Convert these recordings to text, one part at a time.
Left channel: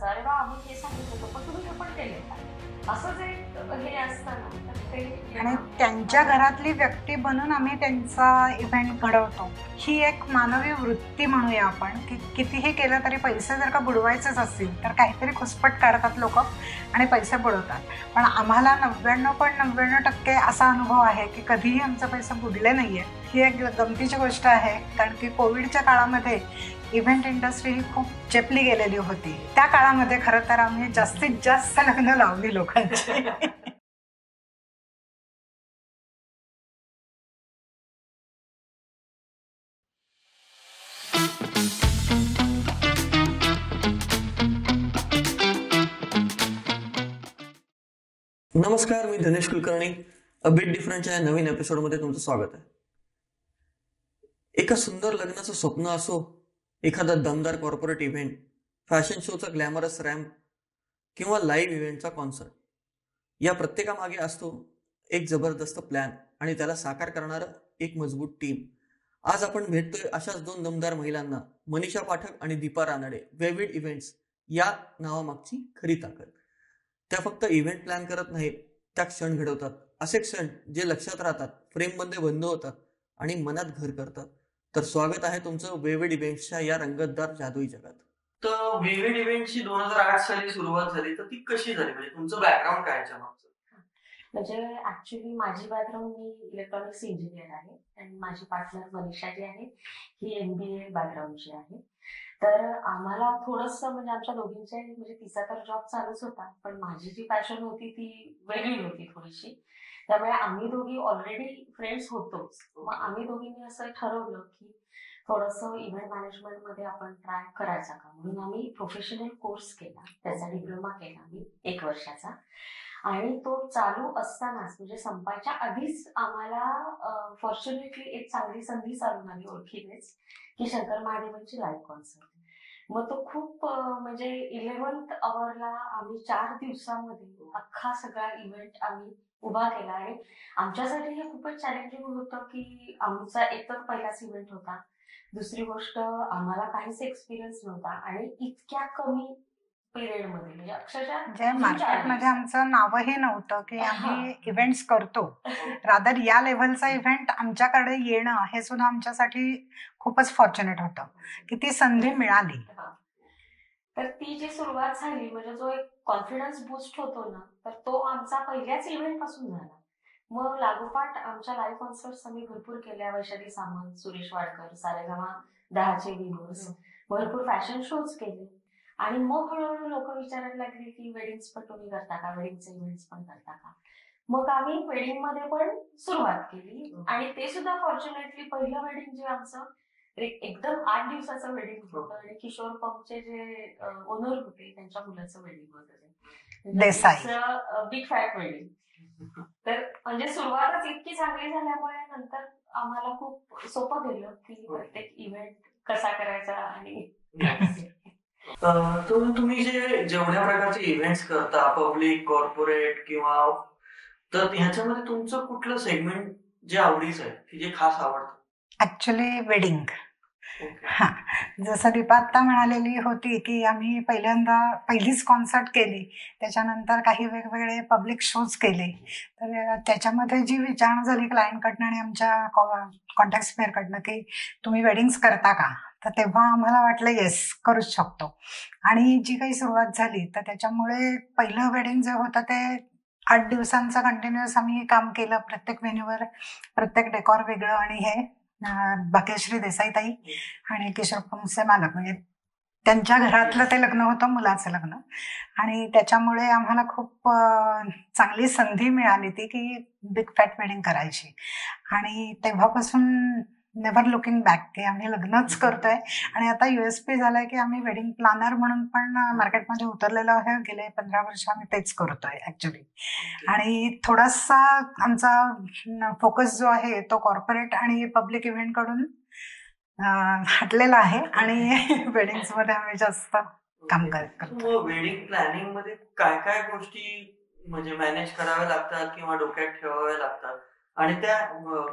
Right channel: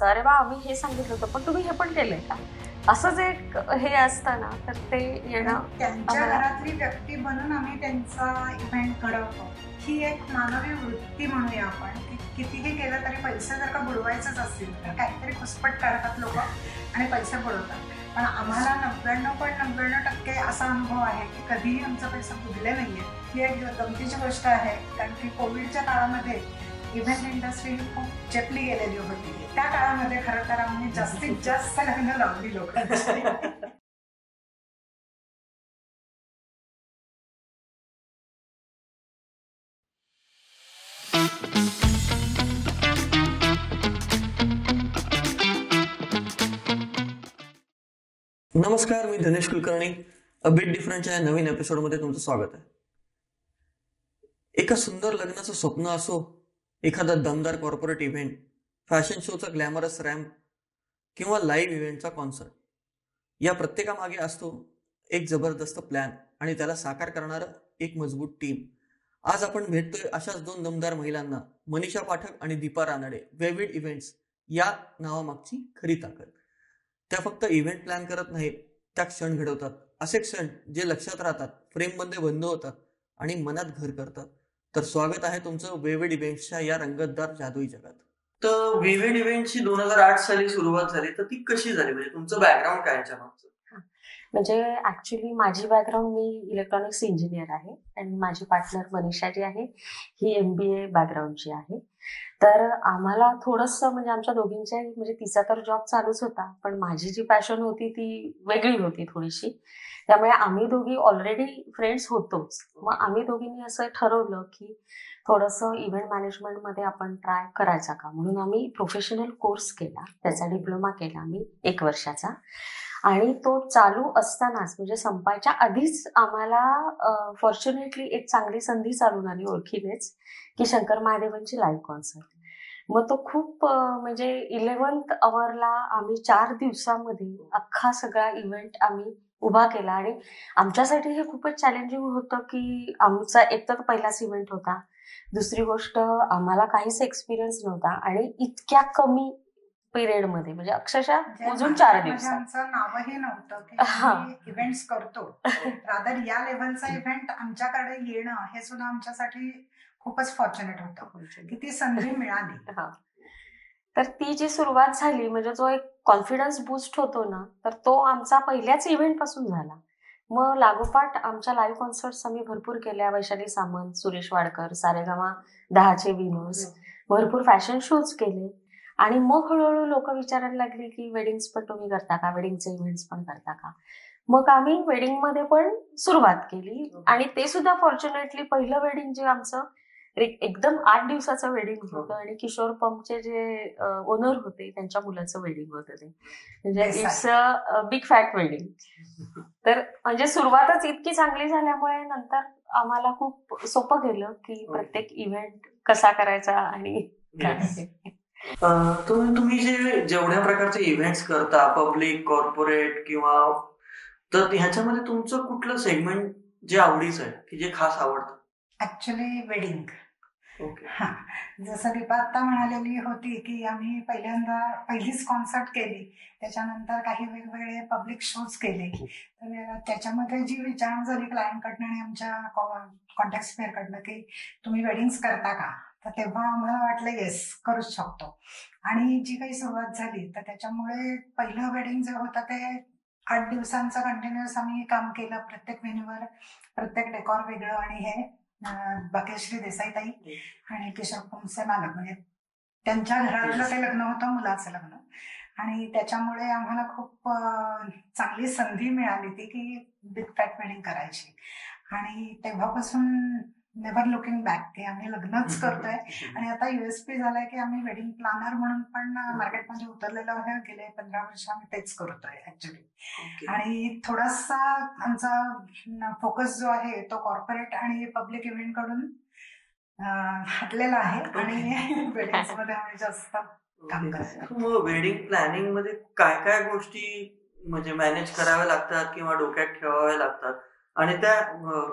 असतं, अरे वा आम्ही हे सांगितलं होतं पण तुम्ही हे पण केलंय का, असं जे हे असतं ना, तर ते आणि येणं त्यांच्या आम्हाला घरातली व्यक्ती बनून आम्ही त्यांचा इव्हेंट घडवतो. ही एक मानवी वृत्ती म्हणूया आपण, की कितीही केलं तरी पैसे जर का बुडवायचेच असतील तर काहीतरी खुसपट काढतात लोकं आणि पैसे बुडवतात. पण आम्हाला 99.99% असा अनुभव आहे की कधीही आमचे पैसे बुडले नाहीये. ही एक गमतीची गोष्ट आहे, कारण की कोविडच्या काळामध्ये इव्हेंट इंडस्ट्री ही खूप चेपली गेलेली होती. त्या काळामध्ये खरं तर आम्ही जास्तीत जास्त लग्न लावली लोकांची. नमस्कार, मी धनेश कुलकर्णी. अ बिट डिफरंटच्या या नवीन एपिसोडमध्ये तुमचं स्वागत आहे. एका सुंदर लग्नाचं स्वप्न असो, एखादा दमदार कॉर्पोरेट इव्हेंट, फॅशन शोचा ग्लॅमरस रॅम्प किंवा लाईव्ह इव्हेंटचा कॉन्सर्ट, या प्रत्येकामागे असतो एक जबरदस्त प्लॅन आणि त्याला साकार करणारं एक मजबूत टीम. आज आपण भेटतोय अशाच दोन दमदार महिलांना, मनीषा पाठक आणि दीपा रानडे. वेविड इव्हेंट्स या नावामागची खरी ताकद. त्या फक्त इव्हेंट प्लॅन करत नाहीत, त्या क्षण घडवतात. असे क्षण जे लक्षात राहतात, फ्रेममध्ये बंद होतात आणि मनात घर करतात. तर स्वागत आहे तुमचं वेविड इव्हेंट्सच्या या रंगतदार जादुई जगात. तर विविड इव्हेंटची 2008 साली सुरुवात झाली, तर ती कशी झाली? म्हणजे तुमचं बॅकग्राऊंड काय याच्या मागचं? म्हणजे ऍक्च्युली माझी बॅकग्राऊंड, मी इलेक्ट्रॉनिक्स इंजिनियर आहे आणि माझी पार्टनर मनीषा जी आहे ही MBA बॅकग्राऊंडची आहे. तर आम्हाला थोडंसं म्हणजे आमच्या दोघींच्या म्हणजे तिचा तर जॉब चालूच होता, पण माझी जी पॅशन होती ती वेगळी होती थोडीशी. त्यामुळे आम्ही दोघी ऑलरेडी फ्रेंड्स होतोच. मग आम्ही दोघींनी असं ठरवलं की थोडंसं इव्हेंट मॅनेजमेंटमध्ये आपण ट्राय करायचा का, म्हणून आम्ही प्रोफेशनल कोर्स केला, त्याचा डिप्लोमा केला आम्ही 1 वर्षाचा. आणि तो चालू असतानाच म्हणजे संपायच्या आधीच आम्हाला फॉर्च्युनेटली एक चांगली संधी चालून आली ओळखीनेच, की शंकर महादेवांची लाईव्ह कॉन्सर्ट. मग तो खूप म्हणजे 11th अवरला आम्ही 4 दिवसामध्ये अख्खा सगळा इव्हेंट आम्ही उभा केला. आणि आमच्यासाठी हे खूपच चॅलेंजिंग होतं, की आमचा एक तर पहिलाच इव्हेंट होता. दुसरी गोष्ट, आम्हाला काहीच एक्सपिरियन्स नव्हता आणि इतक्या कमी पिरियडमध्ये म्हणजे अक्षरशः म्हणजे अजून 4 मार्केटमध्ये दिवसात. आमचं नावही नव्हतं की हां. आम्ही इव्हेंट्स करतो. रादर या लेव्हलचा इव्हेंट आमच्याकडे येणं हे सुद्धा आमच्यासाठी खूपच फॉर्च्युनेट होतं की ती संधी मिळाली. हां. तर ती जी सुरुवात झाली म्हणजे जो एक कॉन्फिडन्स बूस्ट होतो ना, तर तो आमचा पहिल्याच इव्हेंट पासून झाला. मग लागोपाठ आमच्या लाईव्ह कॉन्सर्ट्स आम्ही भरपूर केल्या. वैशाली सामंत, सुरेश वाडकर, सारेगामा 10चे विनर्स, भरपूर फॅशन शोज केले. आणि मग हळूहळू लोक विचारायला लागली की वेडिंग्स पण तुम्ही करता का, वेडिंगचे इव्हेंट्स पण करता का. मग आम्ही वेडिंगमध्ये पण सुरुवात केली आणि ते सुद्धा फॉर्च्युनेटली पहिलं वेडिंग जे आमचं एकदम 8 दिवसाचं वेडिंग होतं आणि किशोर पंपचे जे ओनर होते त्यांच्या मुलाचं वेडिंग होतं ते. म्हणजे Desai. It's a big fat wedding. तर म्हणजे सुरुवातच इतकी चांगली झाल्यामुळे नंतर आम्हाला खूप सोपं गेलं की प्रत्येक इव्हेंट कसा करायचा आणि काय. तर तुम्ही जेवढ्या प्रकारचे इव्हेंट्स करता, पब्लिक, कॉर्पोरेट किंवा, तर ह्याच्यामध्ये तुमचं कुठलं सेगमेंट जे आवडीचं आहे, की जे खास आवडतं? Actually wedding. ओके. हा, जसं दीपा आत्ता म्हणालेली होती की आम्ही पहिलीच कॉन्सर्ट केली, त्याच्यानंतर काही वेगवेगळे पब्लिक शोज केले. तर त्याच्यामध्ये जी विचारणा झाली क्लायंटकडनं आणि आमच्या कॉन्टॅक्ट स्पेअरकडनं की तुम्ही वेडिंग्स करता का, तर तेव्हा आम्हाला वाटलं येस, करूच शकतो. आणि जी काही सुरुवात झाली तर त्याच्यामुळे पहिलं वेडिंग जे होतं ते 8 दिवसांचं कंटिन्युअस आम्ही काम केलं. प्रत्येक व्हेन्यूवर प्रत्येक डेकॉर वेगळं. आणि हे भाग्यश्री देसाईताई आणि किशोर पंपचे मालक, म्हणजे त्यांच्या घरातलं ते लग्न होतं, मुलाचं लग्न. आणि त्याच्यामुळे आम्हाला खूप चांगली संधी मिळाली ती की बिग फॅट वेडिंग करायची. आणि तेव्हापासून नेव्हर लुकिंग बॅक, की आम्ही लग्नच करतोय. आणि आता USP झालंय की आम्ही वेडिंग प्लॅनर म्हणून पण मार्केटमध्ये उतरलेलो आहे. गेले 15 वर्ष आम्ही तेच करतोय ऍक्च्युली. आणि थोडासा आमचा फोकस जो आहे तो कॉर्पोरेट आणि पब्लिक इव्हेंट कडून हटलेला आहे आणि वेडिंग्स मध्ये आम्ही जास्त काम करतो. वेडिंग प्लॅनिंग मध्ये काय काय गोष्टी म्हणजे मॅनेज कराव्या लागतात किंवा डोक्यात ठेवाव्या लागतात आणि त्या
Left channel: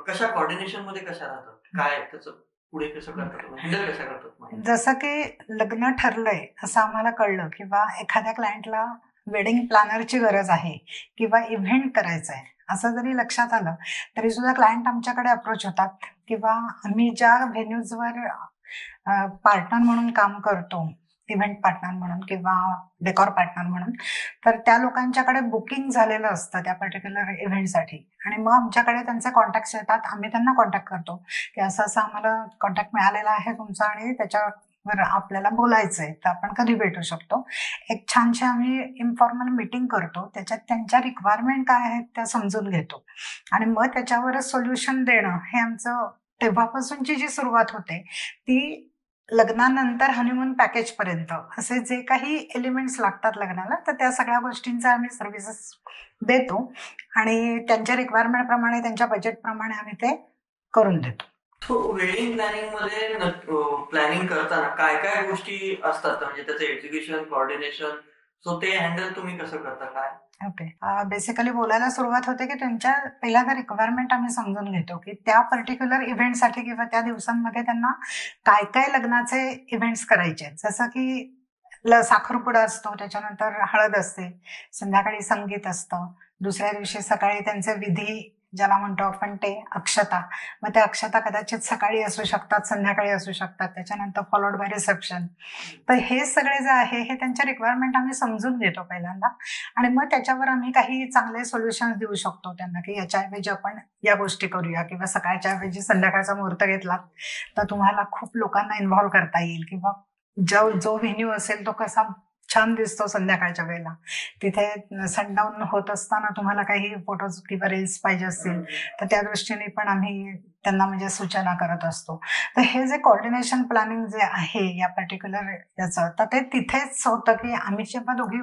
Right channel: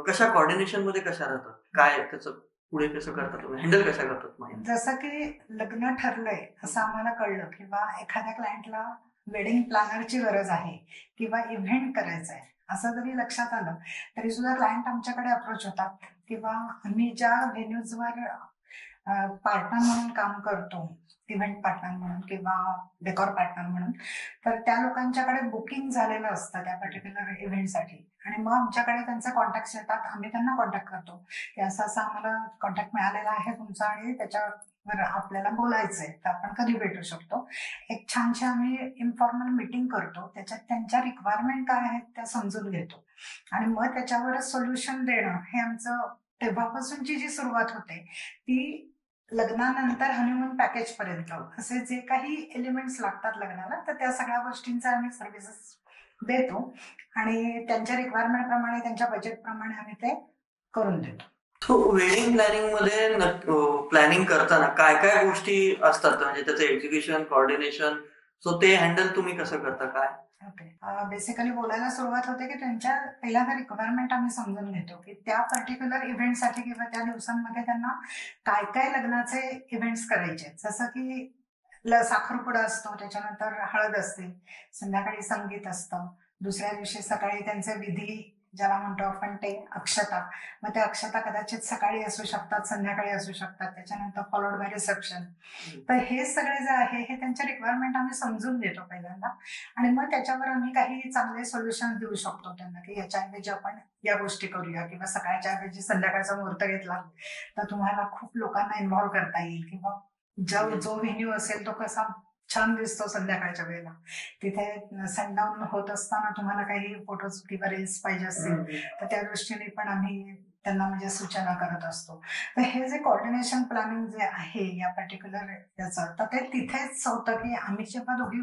कशा कॉर्डिनेशन मध्ये कशा राहतात, काय त्याचं पुढे कसं करता तुम्ही, हँडल कसं करतात मग? जसं की लग्न ठरलंय असं आम्हाला कळलं किंवा एखाद्या क्लायंटला वेडिंग प्लॅनरची गरज आहे किंवा इव्हेंट करायचा आहे असं जरी लक्षात आलं तरी सुद्धा क्लायंट आमच्याकडे अप्रोच होतात किंवा आम्ही ज्या व्हेन्यूजवर पार्टनर म्हणून काम करतो, इव्हेंट पार्टनर म्हणून किंवा डेकॉर पार्टनर म्हणून, तर त्या लोकांच्याकडे बुकिंग झालेलं असतं त्या पर्टिक्युलर इव्हेंटसाठी आणि मग आमच्याकडे त्यांचे कॉन्टॅक्ट्स येतात. आम्ही त्यांना कॉन्टॅक्ट करतो की असं असं आम्हाला कॉन्टॅक्ट मिळालेला आहे तुमचा आणि त्याच्यावर आपल्याला बोलायचं आहे, तर आपण कधी भेटू शकतो. एक छानशी आम्ही इन्फॉर्मल मीटिंग करतो, त्याच्यात त्यांच्या रिक्वायरमेंट काय आहेत त्या समजून घेतो आणि मग त्याच्यावरच सोल्युशन देणं हे आमचं तेव्हापासूनची जी सुरुवात होते ती लग्नानंतर हनीमून पॅकेज पर्यंत असे जे काही एलिमेंट्स लागतात लग्नाला, तर त्या सगळ्या गोष्टींचा आम्ही सर्व्हिसेस देतो आणि त्यांच्या रिक्वायरमेंट प्रमाणे त्यांच्या बजेट प्रमाणे आम्ही ते करून देतो. तो वेडिंग प्लॅनिंग मध्ये प्लॅनिंग करताना काय काय गोष्टी असतात, म्हणजे त्याचं एक्झिक्युशन, कोऑर्डिनेशन, सो ते हँडल तुम्ही कसं करता, काय? ओके, बेसिकली बोलायला सुरुवात होते की त्यांच्या पहिल्यांदा रिक्वायरमेंट आम्ही समजून घेतो की त्या पर्टिक्युलर इव्हेंटसाठी किंवा त्या दिवसांमध्ये त्यांना काय काय लग्नाचे इव्हेंट्स करायचे आहेत. जसं की साखरपुडा असतो, त्याच्यानंतर हळद असते, संध्याकाळी संगीत असतं, दुसऱ्या दिवशी सकाळी त्यांचे विधी ज्याला म्हणतो आपण ते अक्षता, मग त्या अक्षता कदाचित सकाळी असू शकतात, संध्याकाळी असू शकतात, त्याच्यानंतर फॉलोड बाय रिसेप्शन. तर हे सगळे जे आहे हे त्यांच्या रिक्वायरमेंट आम्ही समजून घेतो पहिल्यांदा आणि मग त्याच्यावर आम्ही काही चांगले सोल्युशन्स देऊ शकतो त्यांना की याच्याऐवजी आपण या गोष्टी करूया किंवा सकाळच्या ऐवजी संध्याकाळचा मुहूर्त घेतला तर तुम्हाला खूप लोकांना इन्व्हॉल्व करता येईल किंवा जो व्हेन्यू असेल तो कसा छान दिसतो संध्याकाळच्या वेळेला, तिथे सनडाऊन होत असताना तुम्हाला काही फोटोज किंवा रील्स पाहिजे असतील तर त्या दृष्टीने पण आम्ही त्यांना म्हणजे सूचना करत असतो. तर हे जे कोऑर्डिनेशन प्लॅनिंग जे आहे या पर्टिक्युलर याचं, तर ते तिथेच होतं की आम्ही जेव्हा दोघी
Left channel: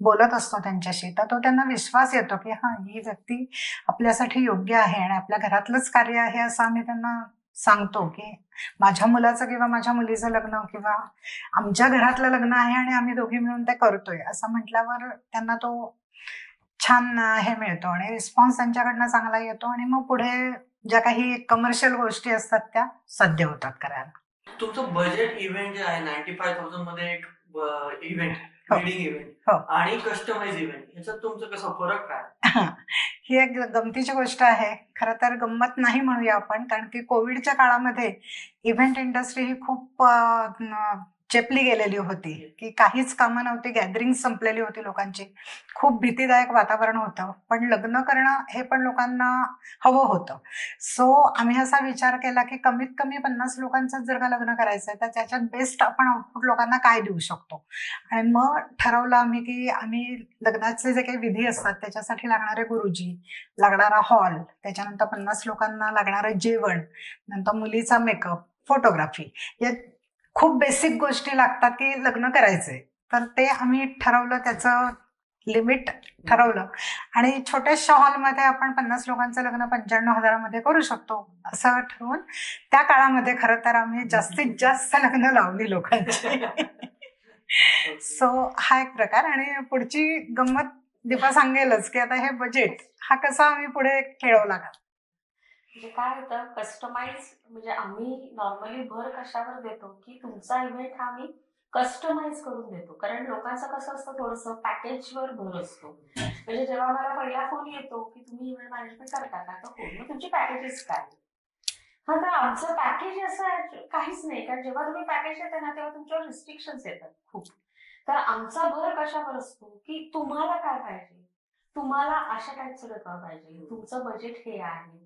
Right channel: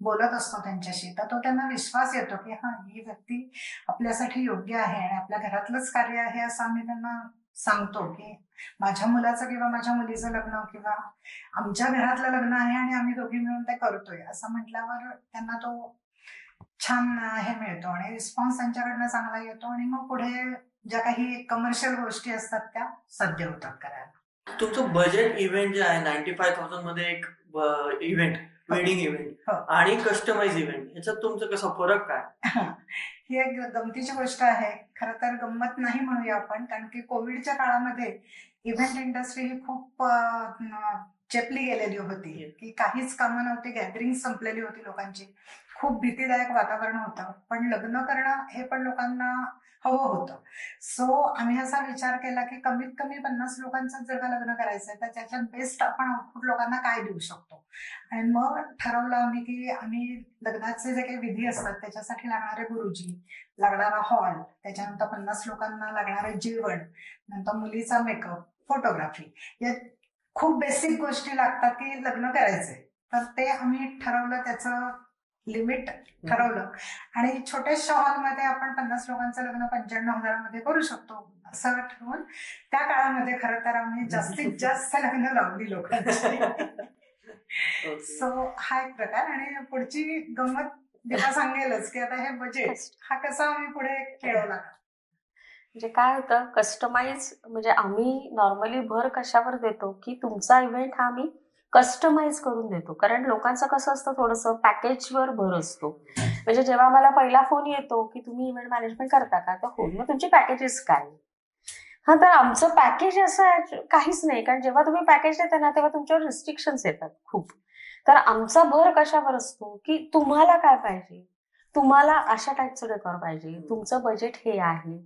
बोलत असतो त्यांच्याशी तर तो त्यांना विश्वास येतो की हा, ही व्यक्ती आपल्यासाठी योग्य आहे आणि आपल्या घरातलंच कार्य आहे असं आम्ही त्यांना सांगतो की माझ्या मुलाचं किंवा माझ्या मुलीचं लग्न किंवा आमच्या घरातलं लग्न आहे आणि आम्ही दोघी मिळून ते करतोय असं म्हटल्यावर त्यांना तो छान हे मिळतो आणि रिस्पॉन्स त्यांच्याकडनं चांगला येतो आणि मग पुढे ज्या काही कमर्शियल गोष्टी असतात त्या साध्य होतात करायला. तुमचं बजेट इव्हेंट जे आहे 95,000 मध्ये एक इव्हेंट, वेडिंग इव्हेंट आणि कस्टमाइज इव्हेंट, याच्यात तुमचं कसं फरक काय? ही एक गमतीची गोष्ट आहे. खरं तर गंमत नाही म्हणूया आपण, कारण की कोविडच्या काळामध्ये इव्हेंट इंडस्ट्री ही खूप चेपली गेलेली होती की काहीच कामं नव्हती, गॅदरिंग संपलेली होती लोकांची, खूप भीतीदायक वातावरण होतं, पण लग्न करणं हे पण लोकांना हवं होतं. सो आम्ही असा विचार केला की कमीत कमी 50 लोकांचं जर का लग्न करायचंय तर त्याच्यात बेस्ट आपण आउटपुट लोकांना काय देऊ शकतो आणि मग ठरवलं आम्ही की आम्ही लग्नाचे जे काही विधी असतात त्याच्यासाठी लागणारे गुरुजी, लागणारा हॉल, त्याच्यानंतर 50 लोकांना लागणारं जेवण, नंतर मुलीचा मेकअप, फोटोग्राफी, या खूप बेसिक गोष्टी लागतात की लग्न करायचंय, तर ते आम्ही ठरवलं, त्याचं लिमिट ठरवलं आणि छोट्याशा हॉलमध्ये आपण 50 लोकांचं लग्न 95,000 मध्ये करू शकतो असं ठरवून त्या काळामध्ये खरं तर आम्ही जास्तीत जास्त लग्न लावली लोकांची. सो हा एक प्रकार. आणि पुढची गंमत दीपा सांगेलच की आता हे बजेट हा कसा आम्ही पुढे खेळवला. म्हणजे काय होतं, कस्टमाइज म्हणजे आम्ही नॉर्मली भर कशावर देतो की तुमचा इव्हेंट हा आम्ही कस्टमाइज करून देतो, कारण लोकांचं कसं असतं थोडंसं पॅकेजवर भर असतो. म्हणजे जेव्हा मला पहिला फोन येतो की तुम्ही इव्हेंट मॅनेजमेंट करता का, तर हो, मग तुमची पॅकेजेस काय? हा, तर आमचं पॅकेज असं काहीच नाही, कारण जेव्हा तुम्ही पॅकेज देता ना तेव्हा तुमच्यावर रिस्ट्रिक्शन्स येतात खूप. तर आमचा भर कशावर असतो की तुम्हाला काय पाहिजे, तुम्हाला अशा टाईपचं डेकोर पाहिजे, तुमचं बजेट हे आहे,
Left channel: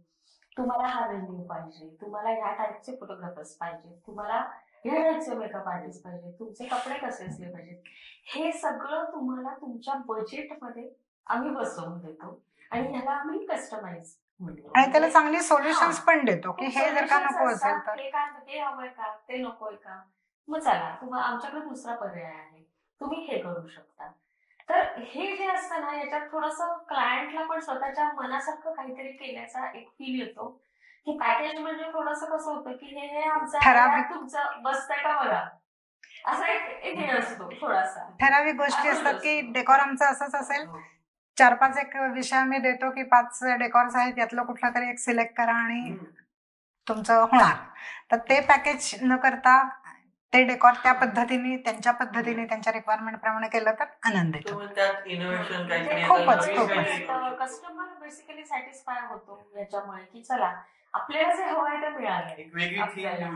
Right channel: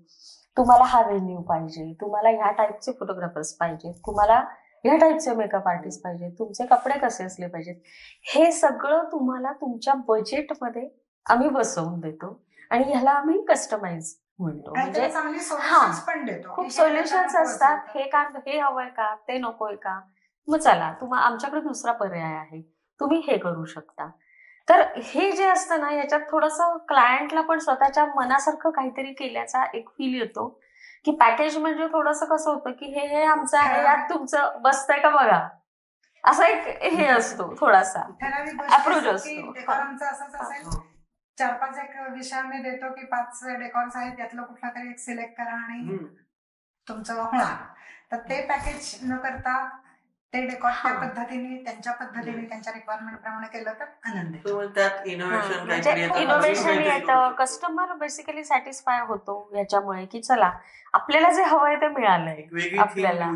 तुम्हाला हा व्हेन्यू पाहिजे, तुम्हाला ह्या टाईपचे फोटोग्राफर्स पाहिजे, तुम्हाला ह्या टाईपचे मेकअप आर्टिस्ट पाहिजे, तुमचे कपडे कसे असले पाहिजेत, हे सगळं तुम्हाला तुमच्या बजेटमध्ये आम्ही बसवून देतो आणि ह्याला आम्ही कस्टमाइज म्हणतो. आणि त्याला चांगली सोल्युशन्स पण देतो की हे सोल्युशन्स असतात, हे हवंय का, ते नकोय का, मग चला आमच्याकडे दुसरा पर्याय आहे, तुम्ही हे करू शकता. तर हे जे असतं ना, याच्यात थोडंसं क्लायंटला पण स्वतःच्या मनासारखं काहीतरी केल्याचा एक फील येतो की पॅकेज म्हणजे थोडंसं कसं होतं की हे आमचं आहे, तुमचं बसतंय का बघा, असा एक हे असतो थोडासा. ठराविक गोष्टी असतात की डेकोर आमचं असंच असेल, 4-5 एक विषय आम्ही देतो की 5 डेकोर्स आहेत, यातलं कुठला तरी एक सिलेक्ट करा आणि तुमचं होणार. तर ते पॅकेज न करता ते डेकॉर त्या पद्धतीने त्यांच्या रिक्वायरमेंट प्रमाणे केलं तर आनंद येतो. त्यात इनोव्हेशन म्हणजे काहीतरी इनोव्हेशन येतं, कस्टमर बेसिकली सॅटिस्फाय होतो याच्यामुळे की चला आपल्याला जे हवंय ते मिळालंय आपल्याला.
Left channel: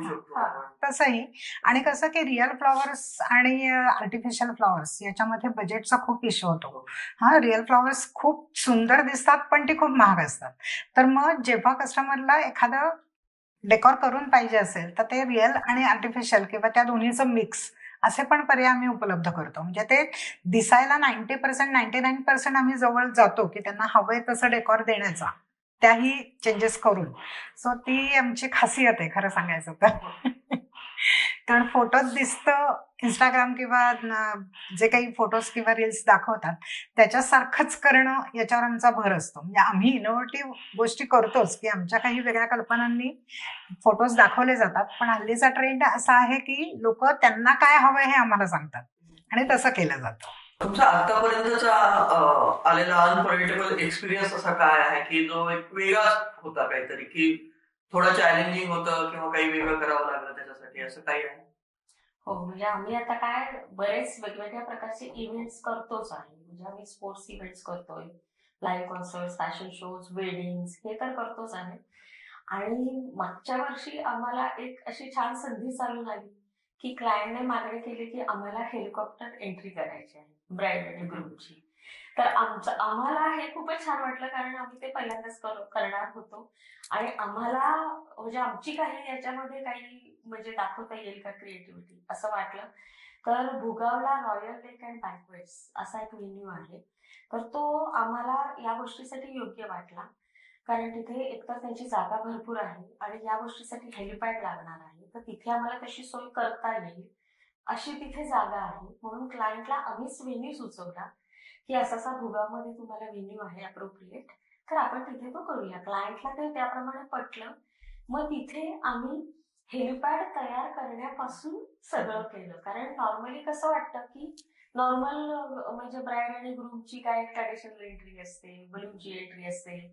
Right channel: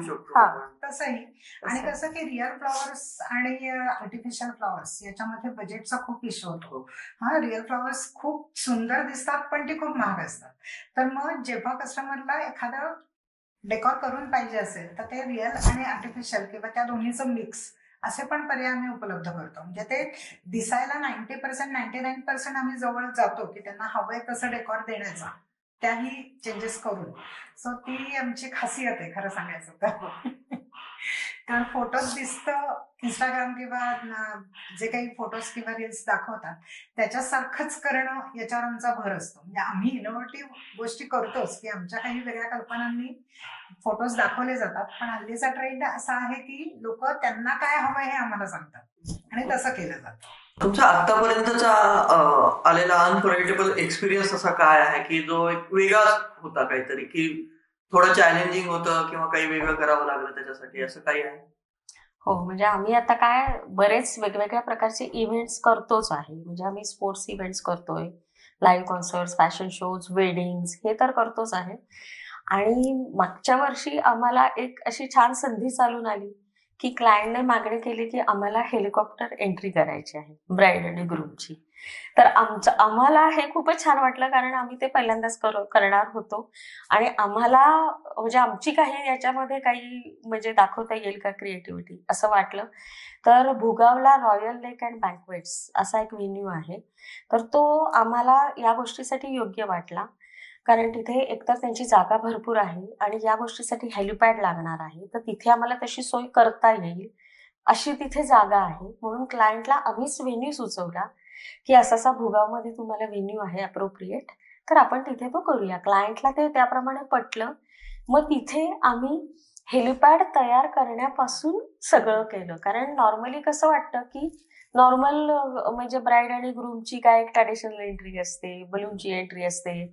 तसंही आणि कसं की रिअल फ्लॉवर्स आणि आर्टिफिशियल फ्लॉवर्स याच्यामध्ये बजेटचा खूप इश्यू होतो. रिअल फ्लॉवर्स खूप सुंदर दिसतात पण ती खूप महाग असतात. तर मग जेव्हा कस्टमरला एखादं डेकॉर करून पाहिजे असेल तर ते रिअल आणि आर्टिफिशियल किंवा त्या दोन्हीचं मिक्स असे पण पर्याय आम्ही उपलब्ध करतो. म्हणजे ते दिसायला 90% 99% आम्ही जवळ जातो की त्यांना हवंय तसं डेकॉर देण्याचा, त्याही चेंजेस करून. सो ती आमची खासियत आहे खरं सांगायचं तर. कारण फोटोज दिसतं इंस्टाग्राम किंवा जे काही फोटोज किंवा रील्स दाखवतात त्याच्यासारखंच करणं याच्यावर आमचा भर असतो. म्हणजे आम्ही इनोव्हेटिव्ह गोष्टी करतोच की आमच्या काही वेगळ्या कल्पनांनी फोटोज दाखवले जातात, पण हल्लीचा ट्रेंड असा आहे की लोक त्यांना काय हवंय हे आम्हाला सांगतात आणि तसं केलं जातं. तुमचा आतापर्यंतचा आलेला अनफॉरगेटेबल एक्सपिरियन्स असा काय आहे की जो एक वेगळा होता, काहीतरी की थोडं चॅलेंजिंग होतं किंवा काही वेगळं करावं लागलं त्याच्यासाठी, असं काही आहे? हो, म्हणजे आम्ही आता काय बरेच वेगवेगळ्या प्रकारचे इव्हेंट्स करतोच आहे. म्हणजे आम्ही स्पोर्ट्स इव्हेंट्स करतोय, live concerts, fashion shows, weddings हे तर करतोच आहे. आणि मागच्या वर्षी आम्हाला एक अशी छान संधी चालून आली की क्लायंटने मागणी केली की आम्हाला हेलिकॉप्टर एंट्री करायची आहे ब्राईड आणि ग्रूमची. तर आम्हाला हे खूपच छान वाटलं कारण आम्ही ते पहिल्यांदाच करणार होतो आणि आम्हाला म्हणजे आमची काही याच्यामध्ये काही म्हणजे दाखवता येईल का क्रिएटिव्हिटी असं वाटलं. तर भुगावला रॉयल लेक अँड बँक्वेट्स असा एक व्हेन्यू आहे. तर तो आम्हाला या गोष्टीसाठी योग्य वाटला कारण तिथे एकतर त्यांची जागा भरपूर आहे आणि या गोष्टीसाठी हेलिपॅड लागणार आहे. तर तिथे आम्हाला तशी सोय करता येईल अशी तिथे जागा आहे. म्हणून क्लायंटला आम्हीच व्हेन्यू सुचवला की असा भुगावमध्ये तुम्हाला व्हेन्यू आहे अप्रोप्रिएट, तर आपण तिथे तो करूया. क्लायंटला ते त्याप्रमाणे पटलं. मग तिथे आम्ही हेलिपॅड तयार करण्यापासून सगळं केलं. कारण नॉर्मली कसं वाटतं की नॉर्मल म्हणजे ब्राईड आणि ग्रूमची काय एक ट्रॅडिशनल एंट्री असते, बलूनची एंट्री असते,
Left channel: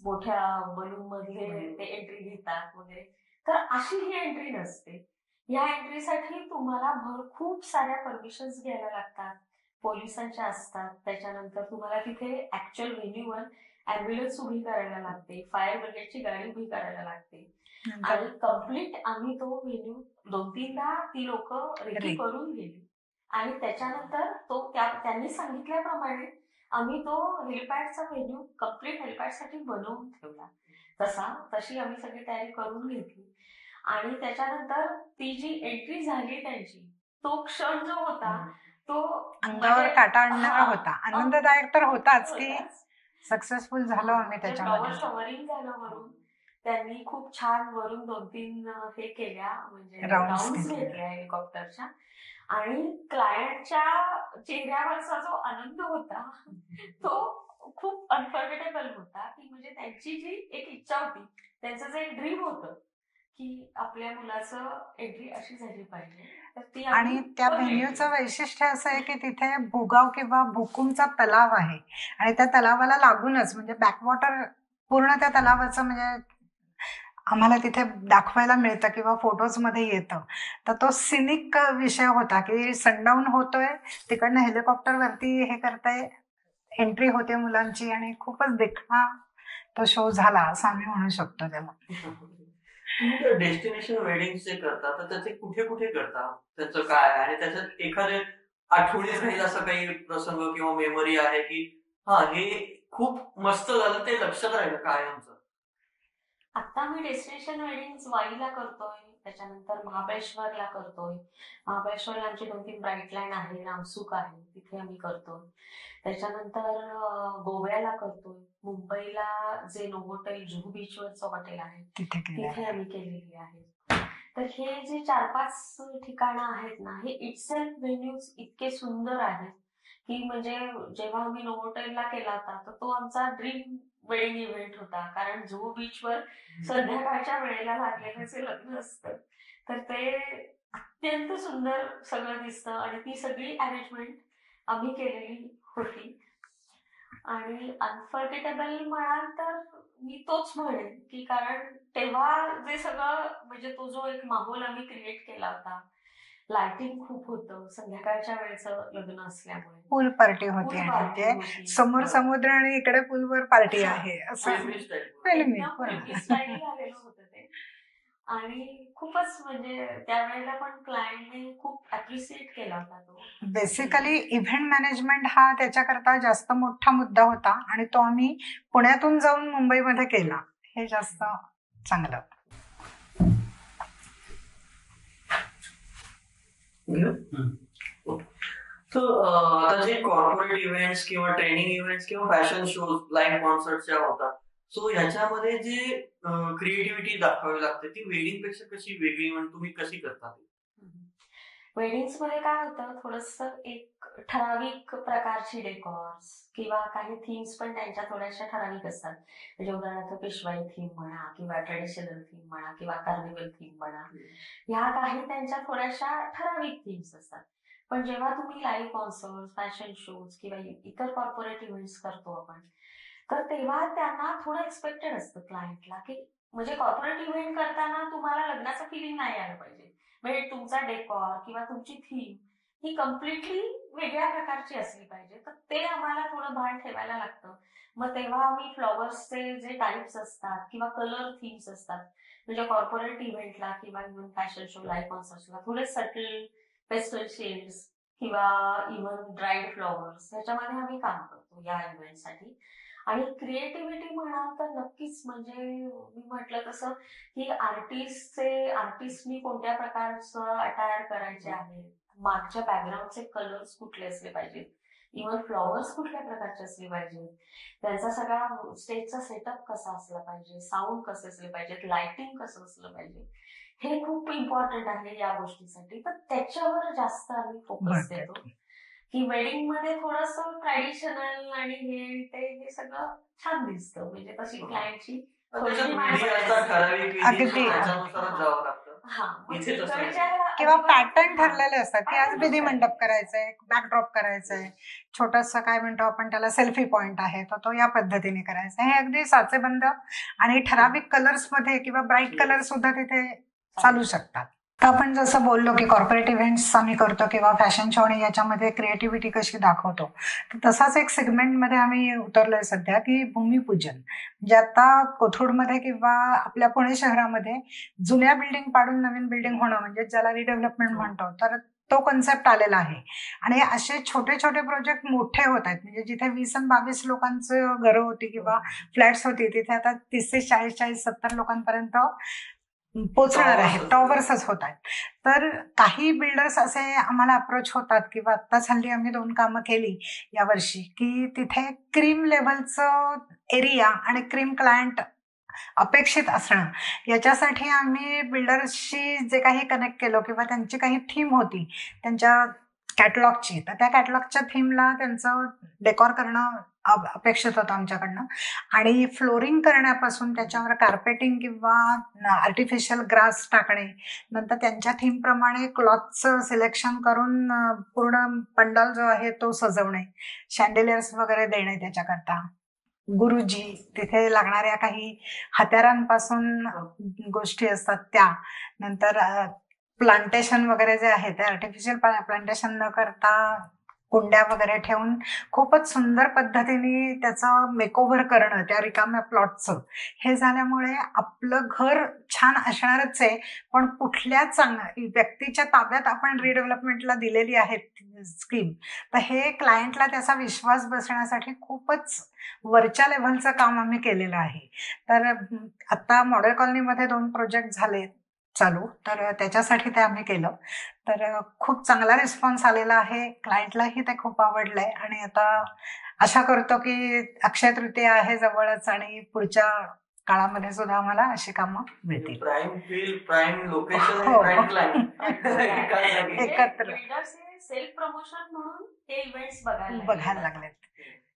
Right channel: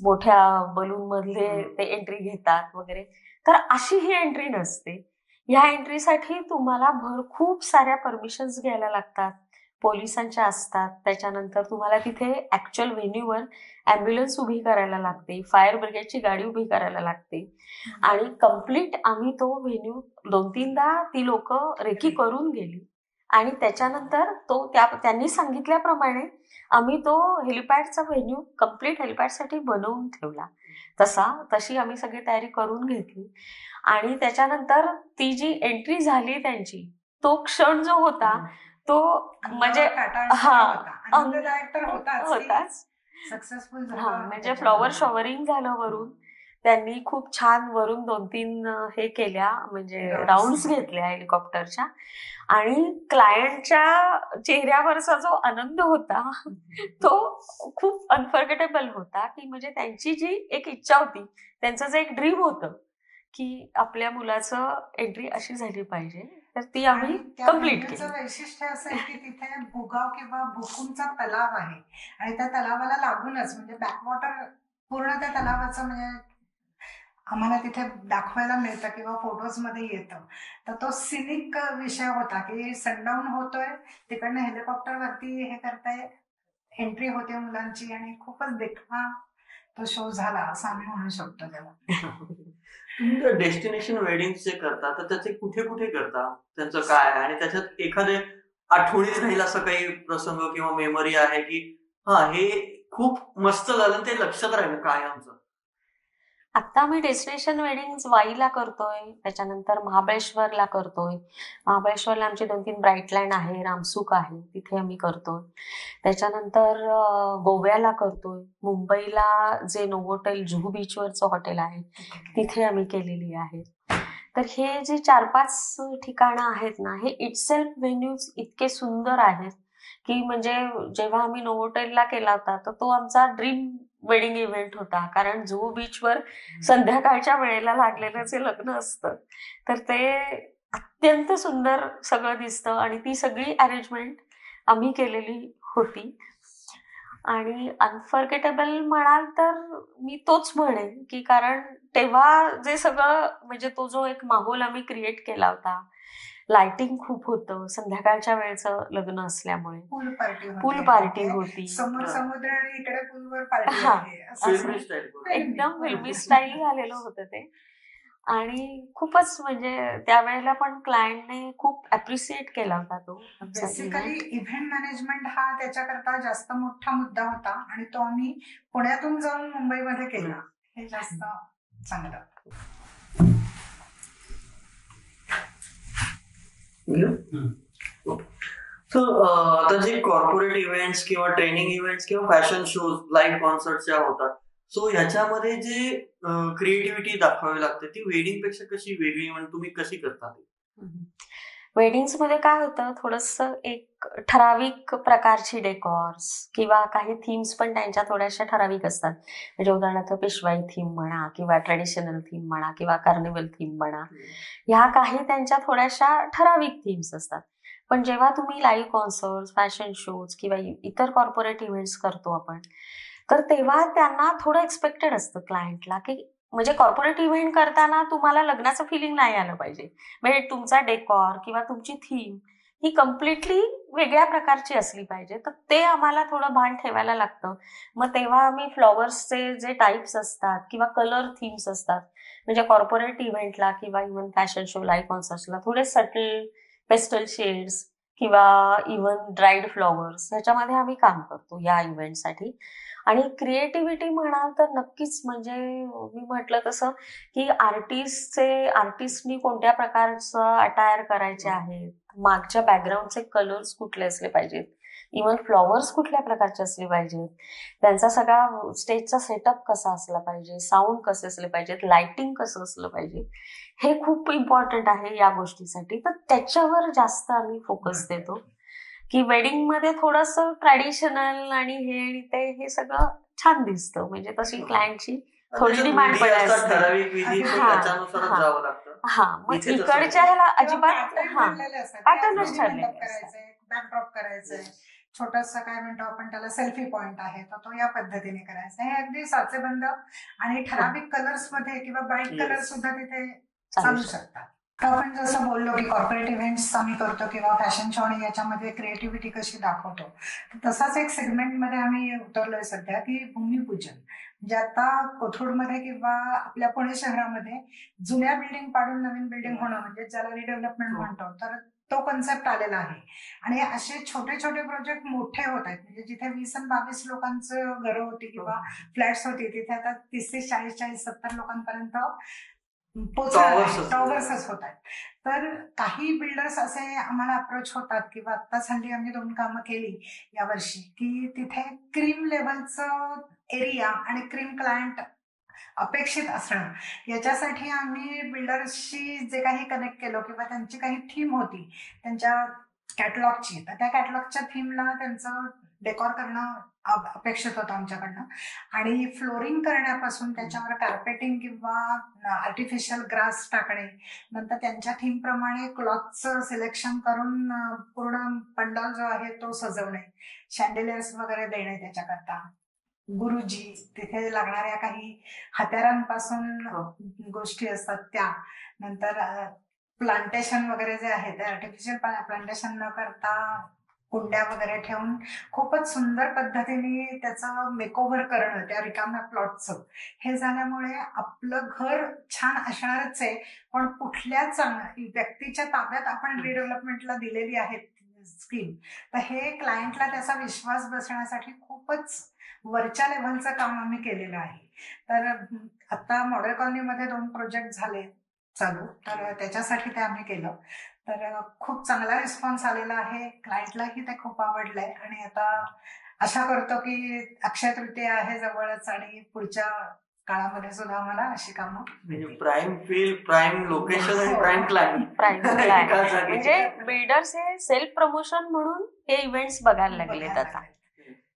मोठ्या बलून मधले ते एंट्री घेतात वगैरे. तर अशी ही एंट्री नसते. ह्या एंट्रीसाठी तुम्हाला खूप साऱ्या परमिशन्स घ्यायला लागतात, पोलिसांच्या असतात. त्याच्यानंतर तुम्हाला तिथे ऍक्च्युअल व्हेन्यूवर ॲम्ब्युलन्स उभी करायला लागते, फायर ब्रिगेडची गाडी उभी करायला लागते आणि कम्प्लीट आम्ही तो व्हेन्यू 2-3दा ती लोक रेकी करून गेली आणि त्याच्यानंतर तो त्यांनी सांगितल्याप्रमाणे आम्ही तो हेलिपॅडचा व्हेन्यू कम्प्लीट हेलिपॅडसाठी बनवून ठेवला. तशी आम्ही सगळी तयारी करून घेतली आणि त्याच्यानंतर ती जी एंट्री झाली त्यांची, तो क्षण जो होता तो म्हणजे होता, आनंददायक तर होताच. सक्सेसफुल झालो म्हणजे फ्लॉवर शॉवरिंग झालं वरून. त्यांनी खूप छान वरून 2-3 हे केल्या म्हणजे राऊंड्स घेतल्या हेलिकॉप्टरच्या आणि क्लायंटच्या चेहऱ्यावरचा जो आनंद होता तो खूप अनफॉरगेटेबल होता. की म्हणजे त्यांची जी एक इच्छा होती, त्यांचं जे एक ड्रीम होतं की आपल्या मुलाचं एंट्री अशी झाली पाहिजे, तर ती आम्ही त्या व्हेन्यूचं वैशिष्ट्य असं आहे की तिथे भुगाव किंवा भुकुमचा तलाव आहे आणि त्या तलावाला लागूनच म्हणजे बॅकवॉटर पूर्ण त्या तलावाचं म्हणजे आम्हाला तिथे दाखवायला मिळतं किंवा फोटोजमध्ये येतं. तर तो सिनिक विषय होता की सनडाऊन होतोय, तिकडनं हेलिकॉप्टरवरती हे करताय, एंट्री होते मुलांची आणि खूपच देखणा तो शो झाला असं आम्ही म्हणू शकतो. तेव्हा डेस्टिनेशन वेडिंग जे करता तर त्याचे कुठे कुठे करता, त्यांचं काय आहे आणि त्याच्यात एखाद्या आठवणीत राहील असं काही प्रसंग किंवा मेमरी आहे की हे खूप मस्त झालं, ते लक्षात राहिलं काय आमचं? आता आम्ही डेस्टिनेशन वेडिंग वाईला करतोय, त्याच्यानंतर महाबळेश्वरला करतोय. महाबळेश्वरला आमची 2-3 ब्राईटलँड आहे, रामसुख आहे, तिथे आम्ही करतोय. त्याच्यानंतर गोव्याला करतोय. मुंबईला जे नोव्होटेल जुहू बीचवरचं हॉटेल आहे तिथे आम्ही केलेली आहे. तर हे जे 4-5 ठिकाणं आहेत ना, हे इटसेल्फ व्हेन्यूज इतके सुंदर आहेत की म्हणजे जेव्हा आम्ही नोव्होटेलला केला होता तर तो आमचा ड्रीम वेडिंग इव्हेंट होता. कारण जुहू बीचवर संध्याकाळच्या वेळेला लागलेलं जे लग्न असतं तर ते अत्यंत सुंदर सगळं दिसतं आणि ती सगळी अरेंजमेंट आम्ही केलेली होती. आणि अनफॉर्गेटेबल म्हणाल तर मी तोच म्हणेन की कारण तेव्हा जे सगळं म्हणजे तो जो एक माहोल आम्ही क्रिएट केला होता, लाइटिंग खूप होतं, संध्याकाळच्या वेळेचं लग्न असल्यामुळे पूल पार्टी होती पूल आणि पार्टी ते होती. समोर समुद्र आणि इकडे पूलवर पार्टी हा. आहे असं फिल्मी स्टाईल फिल्मी, एकदम बरोबर. फिल्मी स्टाईल झालेलं होतं ते. आणि खूपच म्हणजे त्यावेळेला पण क्लायंटने खूप अप्रिशिएट केला होता तो आमचा बेसिकली event. इव्हेंट मॅनेजमेंट हा त्याच्याकरता जास्त मोठा मुद्दा होता आणि तो आम्ही पुण्यातून जाऊन मुंबईमध्ये केला, हे जास्त चांगलं. सो आता जे कॉर्पोरेट इव्हेंट्स किंवा ट्रेनिंग इव्हेंट्स किंवा फॅशन शोज, लाईव्ह कॉन्सर्ट ज्या होतात, सो ह्याच्यामध्ये जे क्रिएटिव्हिटी दाखवावी लागते ती वेडिंग पेक्षा कशी वेगळी, म्हणजे तुम्ही कशी करता? वेडिंग्स मध्ये काय होतं, थोडंसं एक ठराविक प्रकारची डेकॉर्स किंवा काही थीम्स पण त्यांच्या थोड्याशा ठराविक असतात. म्हणजे उदाहरणार्थ पेशवाई थीम म्हणा किंवा ट्रेडिशनल थीम म्हणा किंवा कार्निवल थीम म्हणा, ह्या काही त्यांच्या थोड्याशा ठराविक थीम्स असतात. पण जेव्हा तुम्ही लाईव्ह कॉन्सर्ट, फॅशन शोज किंवा इतर कॉर्पोरेट इव्हेंट्स करतो आपण, तर तेव्हा त्यांना थोडं एक्सपेक्टेड असतं क्लायंटला की म्हणजे कॉर्पोरेट इव्हेंट करताना तुम्हाला लग्नाचं फिलिंग नाही आलं पाहिजे. म्हणजे तुमचा डेकॉर किंवा तुमची थीम ही कम्प्लिटली वेगळ्या प्रकारची असली पाहिजे. तर ते आम्हाला थोडं भान ठेवायला लागतं. मग तेव्हा आम्ही फ्लॉवर्सचे जे टाईप्स असतात किंवा कलर थीम्स असतात, म्हणजे कॉर्पोरेट इव्हेंटला किंवा इव्हन फॅशन शो, लाईव्ह कॉन्सर्ट्सला थोडे सटल पेस्टल शेड्स किंवा इव्हन ड्राईड फ्लॉवर्स ह्याच्यामध्ये आम्ही काम करतो या इव्हेंटसाठी. आणि क्रिएटिव्हिटी म्हणाल तर नक्कीच म्हणजे मी म्हटलं तसं की आर्टिस्टनी कोणत्या प्रकारचं अटायर करायचे आहेत, मागच्या बॅकग्राऊंडचे कलर्स कुठले असले पाहिजेत, इव्हन फ्लॉवर्स कुठल्या प्रकारचे असले पाहिजेत, त्यांचा सगळा स्टेजचा सेटअप कसा असला पाहिजे, साऊंड कसे असले पाहिजेत, लाइटिंग कसं असलं पाहिजे, हे खूप इम्पॉर्टंट आहे या गोष्टीसाठी. तर त्याच्यावर जास्त आम्ही फोकस देतो की वेडिंग मध्ये थोडंसं ट्रॅडिशनल आणि हे सगळं छान दिसतं. म्हणजे तशी क्लायंटची थोडी डिमांड पण असते. हा, मग इकडच्या ह्याला किंवा अजिबात पॅटर्न ठरलेले असतात की आज patternच विधी ठरलेले मंडप असतात. करायचंय, बॅकड्रॉप करायचंय, छोटंसं काय म्हणतो आपण त्याला सेल्फी पॉइंट आहे, तर तो या पद्धतीने करायचा. हे अगदी साचेबंद आणि ठराविक कलर्स मध्ये किंवा ब्राईट कलर सुद्धा तिथे चालू शकतात. आपण जसं बोललो की कॉर्पोरेट इव्हेंट्स आम्ही करतो किंवा फॅशन शो आणि याच्यामध्ये क्रिएटिव्हिटी कशी दाखवतो, तर तसाच एक सेगमेंटमध्ये आम्ही उतरलोय सध्या की भूमिपूजन. म्हणजे आता कोथरूडमध्ये किंवा आपल्या पुणे शहरामध्ये जुन्या बिल्डिंग पाडून नवीन बिल्डिंग होणं म्हणजे ज्याला रिडेव्हलपमेंट म्हणतो, तर तो कन्सेप्ट आलेला आहे. आणि असे छोटे छोटे प्रोजेक्ट मोठे होत आहेत. म्हणजे जिथे 20 आणि 22 लोकांचं घरं होती किंवा फ्लॅट्स होती, तिथे आता 30 ते 40-70 लोकांपर्यंत पोचणार आहे, टॉवर्सच होत आहेत. तर काही बिल्डर्स असे आम्हाला अप्रोच होतात किंवा आत्ताच हल्ली आम्ही 2 कामं केली यावर्षी की तिथे क्रीम लेव्हलचं एरिया आणि क्रीम क्लायंट अपेक्षित असणं, याच्यासाठी आम्ही बिल्डर्सशी जे काही कनेक्ट केलं किंवा त्यांची काही थीम होती त्यांच्या कॅटलॉगची, तर त्या कॅटलॉगच्या थीमला त्यांचं डेकॉर करणं अपेक्षित होतं आमच्याकडनं. आणि फ्लोरिंग करण्यापासून त्याच्यावर कार्पेटिंग किंवा आर्टिफिशियल ग्रास टाकणे, नंतर त्यांच्या थीमप्रमाणे क्लॉथचं सिलेक्शन करून पूर्ण पंडाल जो आहे तो सजवणे, शँडेलियर्स वगैरे देणे त्याच्याकरता, गुरुजी, तिथे लागणाऱ्या काही हत्यारांपासून गोष्टी असतात त्या, नंतर प्लांटेशन वगैरे जे आहे ते आर्टिफिशियल प्लांटेशन न करता कुंड्या वगैरे ठेवून खूपच सुंदर पद्धतीने त्याचं मेकओव्हर करणं त्या रिकाम्या प्लॉटचं. हे झाल्यामुळे आपलं घर छान असणारच आहे, पण कुठल्या व्यक्तीच्या ताब्यात आपण रिडेव्हलपमेंटला दिलेली आहे स्कीम, तर हे क्लायंटला त्याचा विश्वास बसण्यासाठी खूपच वरच्या लेव्हलचं काम आम्ही केलेलं आहे. तर आता मॉडेल कॉलनीमध्ये 2 प्रोजेक्ट झाले चालू, तर त्याच्यासाठी ते आम्ही केलं. तर खूप चांगला रिस्पॉन्स आलेला आहे, क्लायंटलाही ते खूप आवडलंय. आणि आता आशा करतो की अक्षय तृतीया आहे जवळच आणि पुढच्या काळामध्ये सुद्धा आम्हाला अशी कामं मिळतील. प्राइम फील, प्राइम लोकेशन, हो. Prime client. म्हणजे बिल्डर्स हे सेल्फ प्रमोशन म्हणून हे इव्हेंट्स बघायला लागले.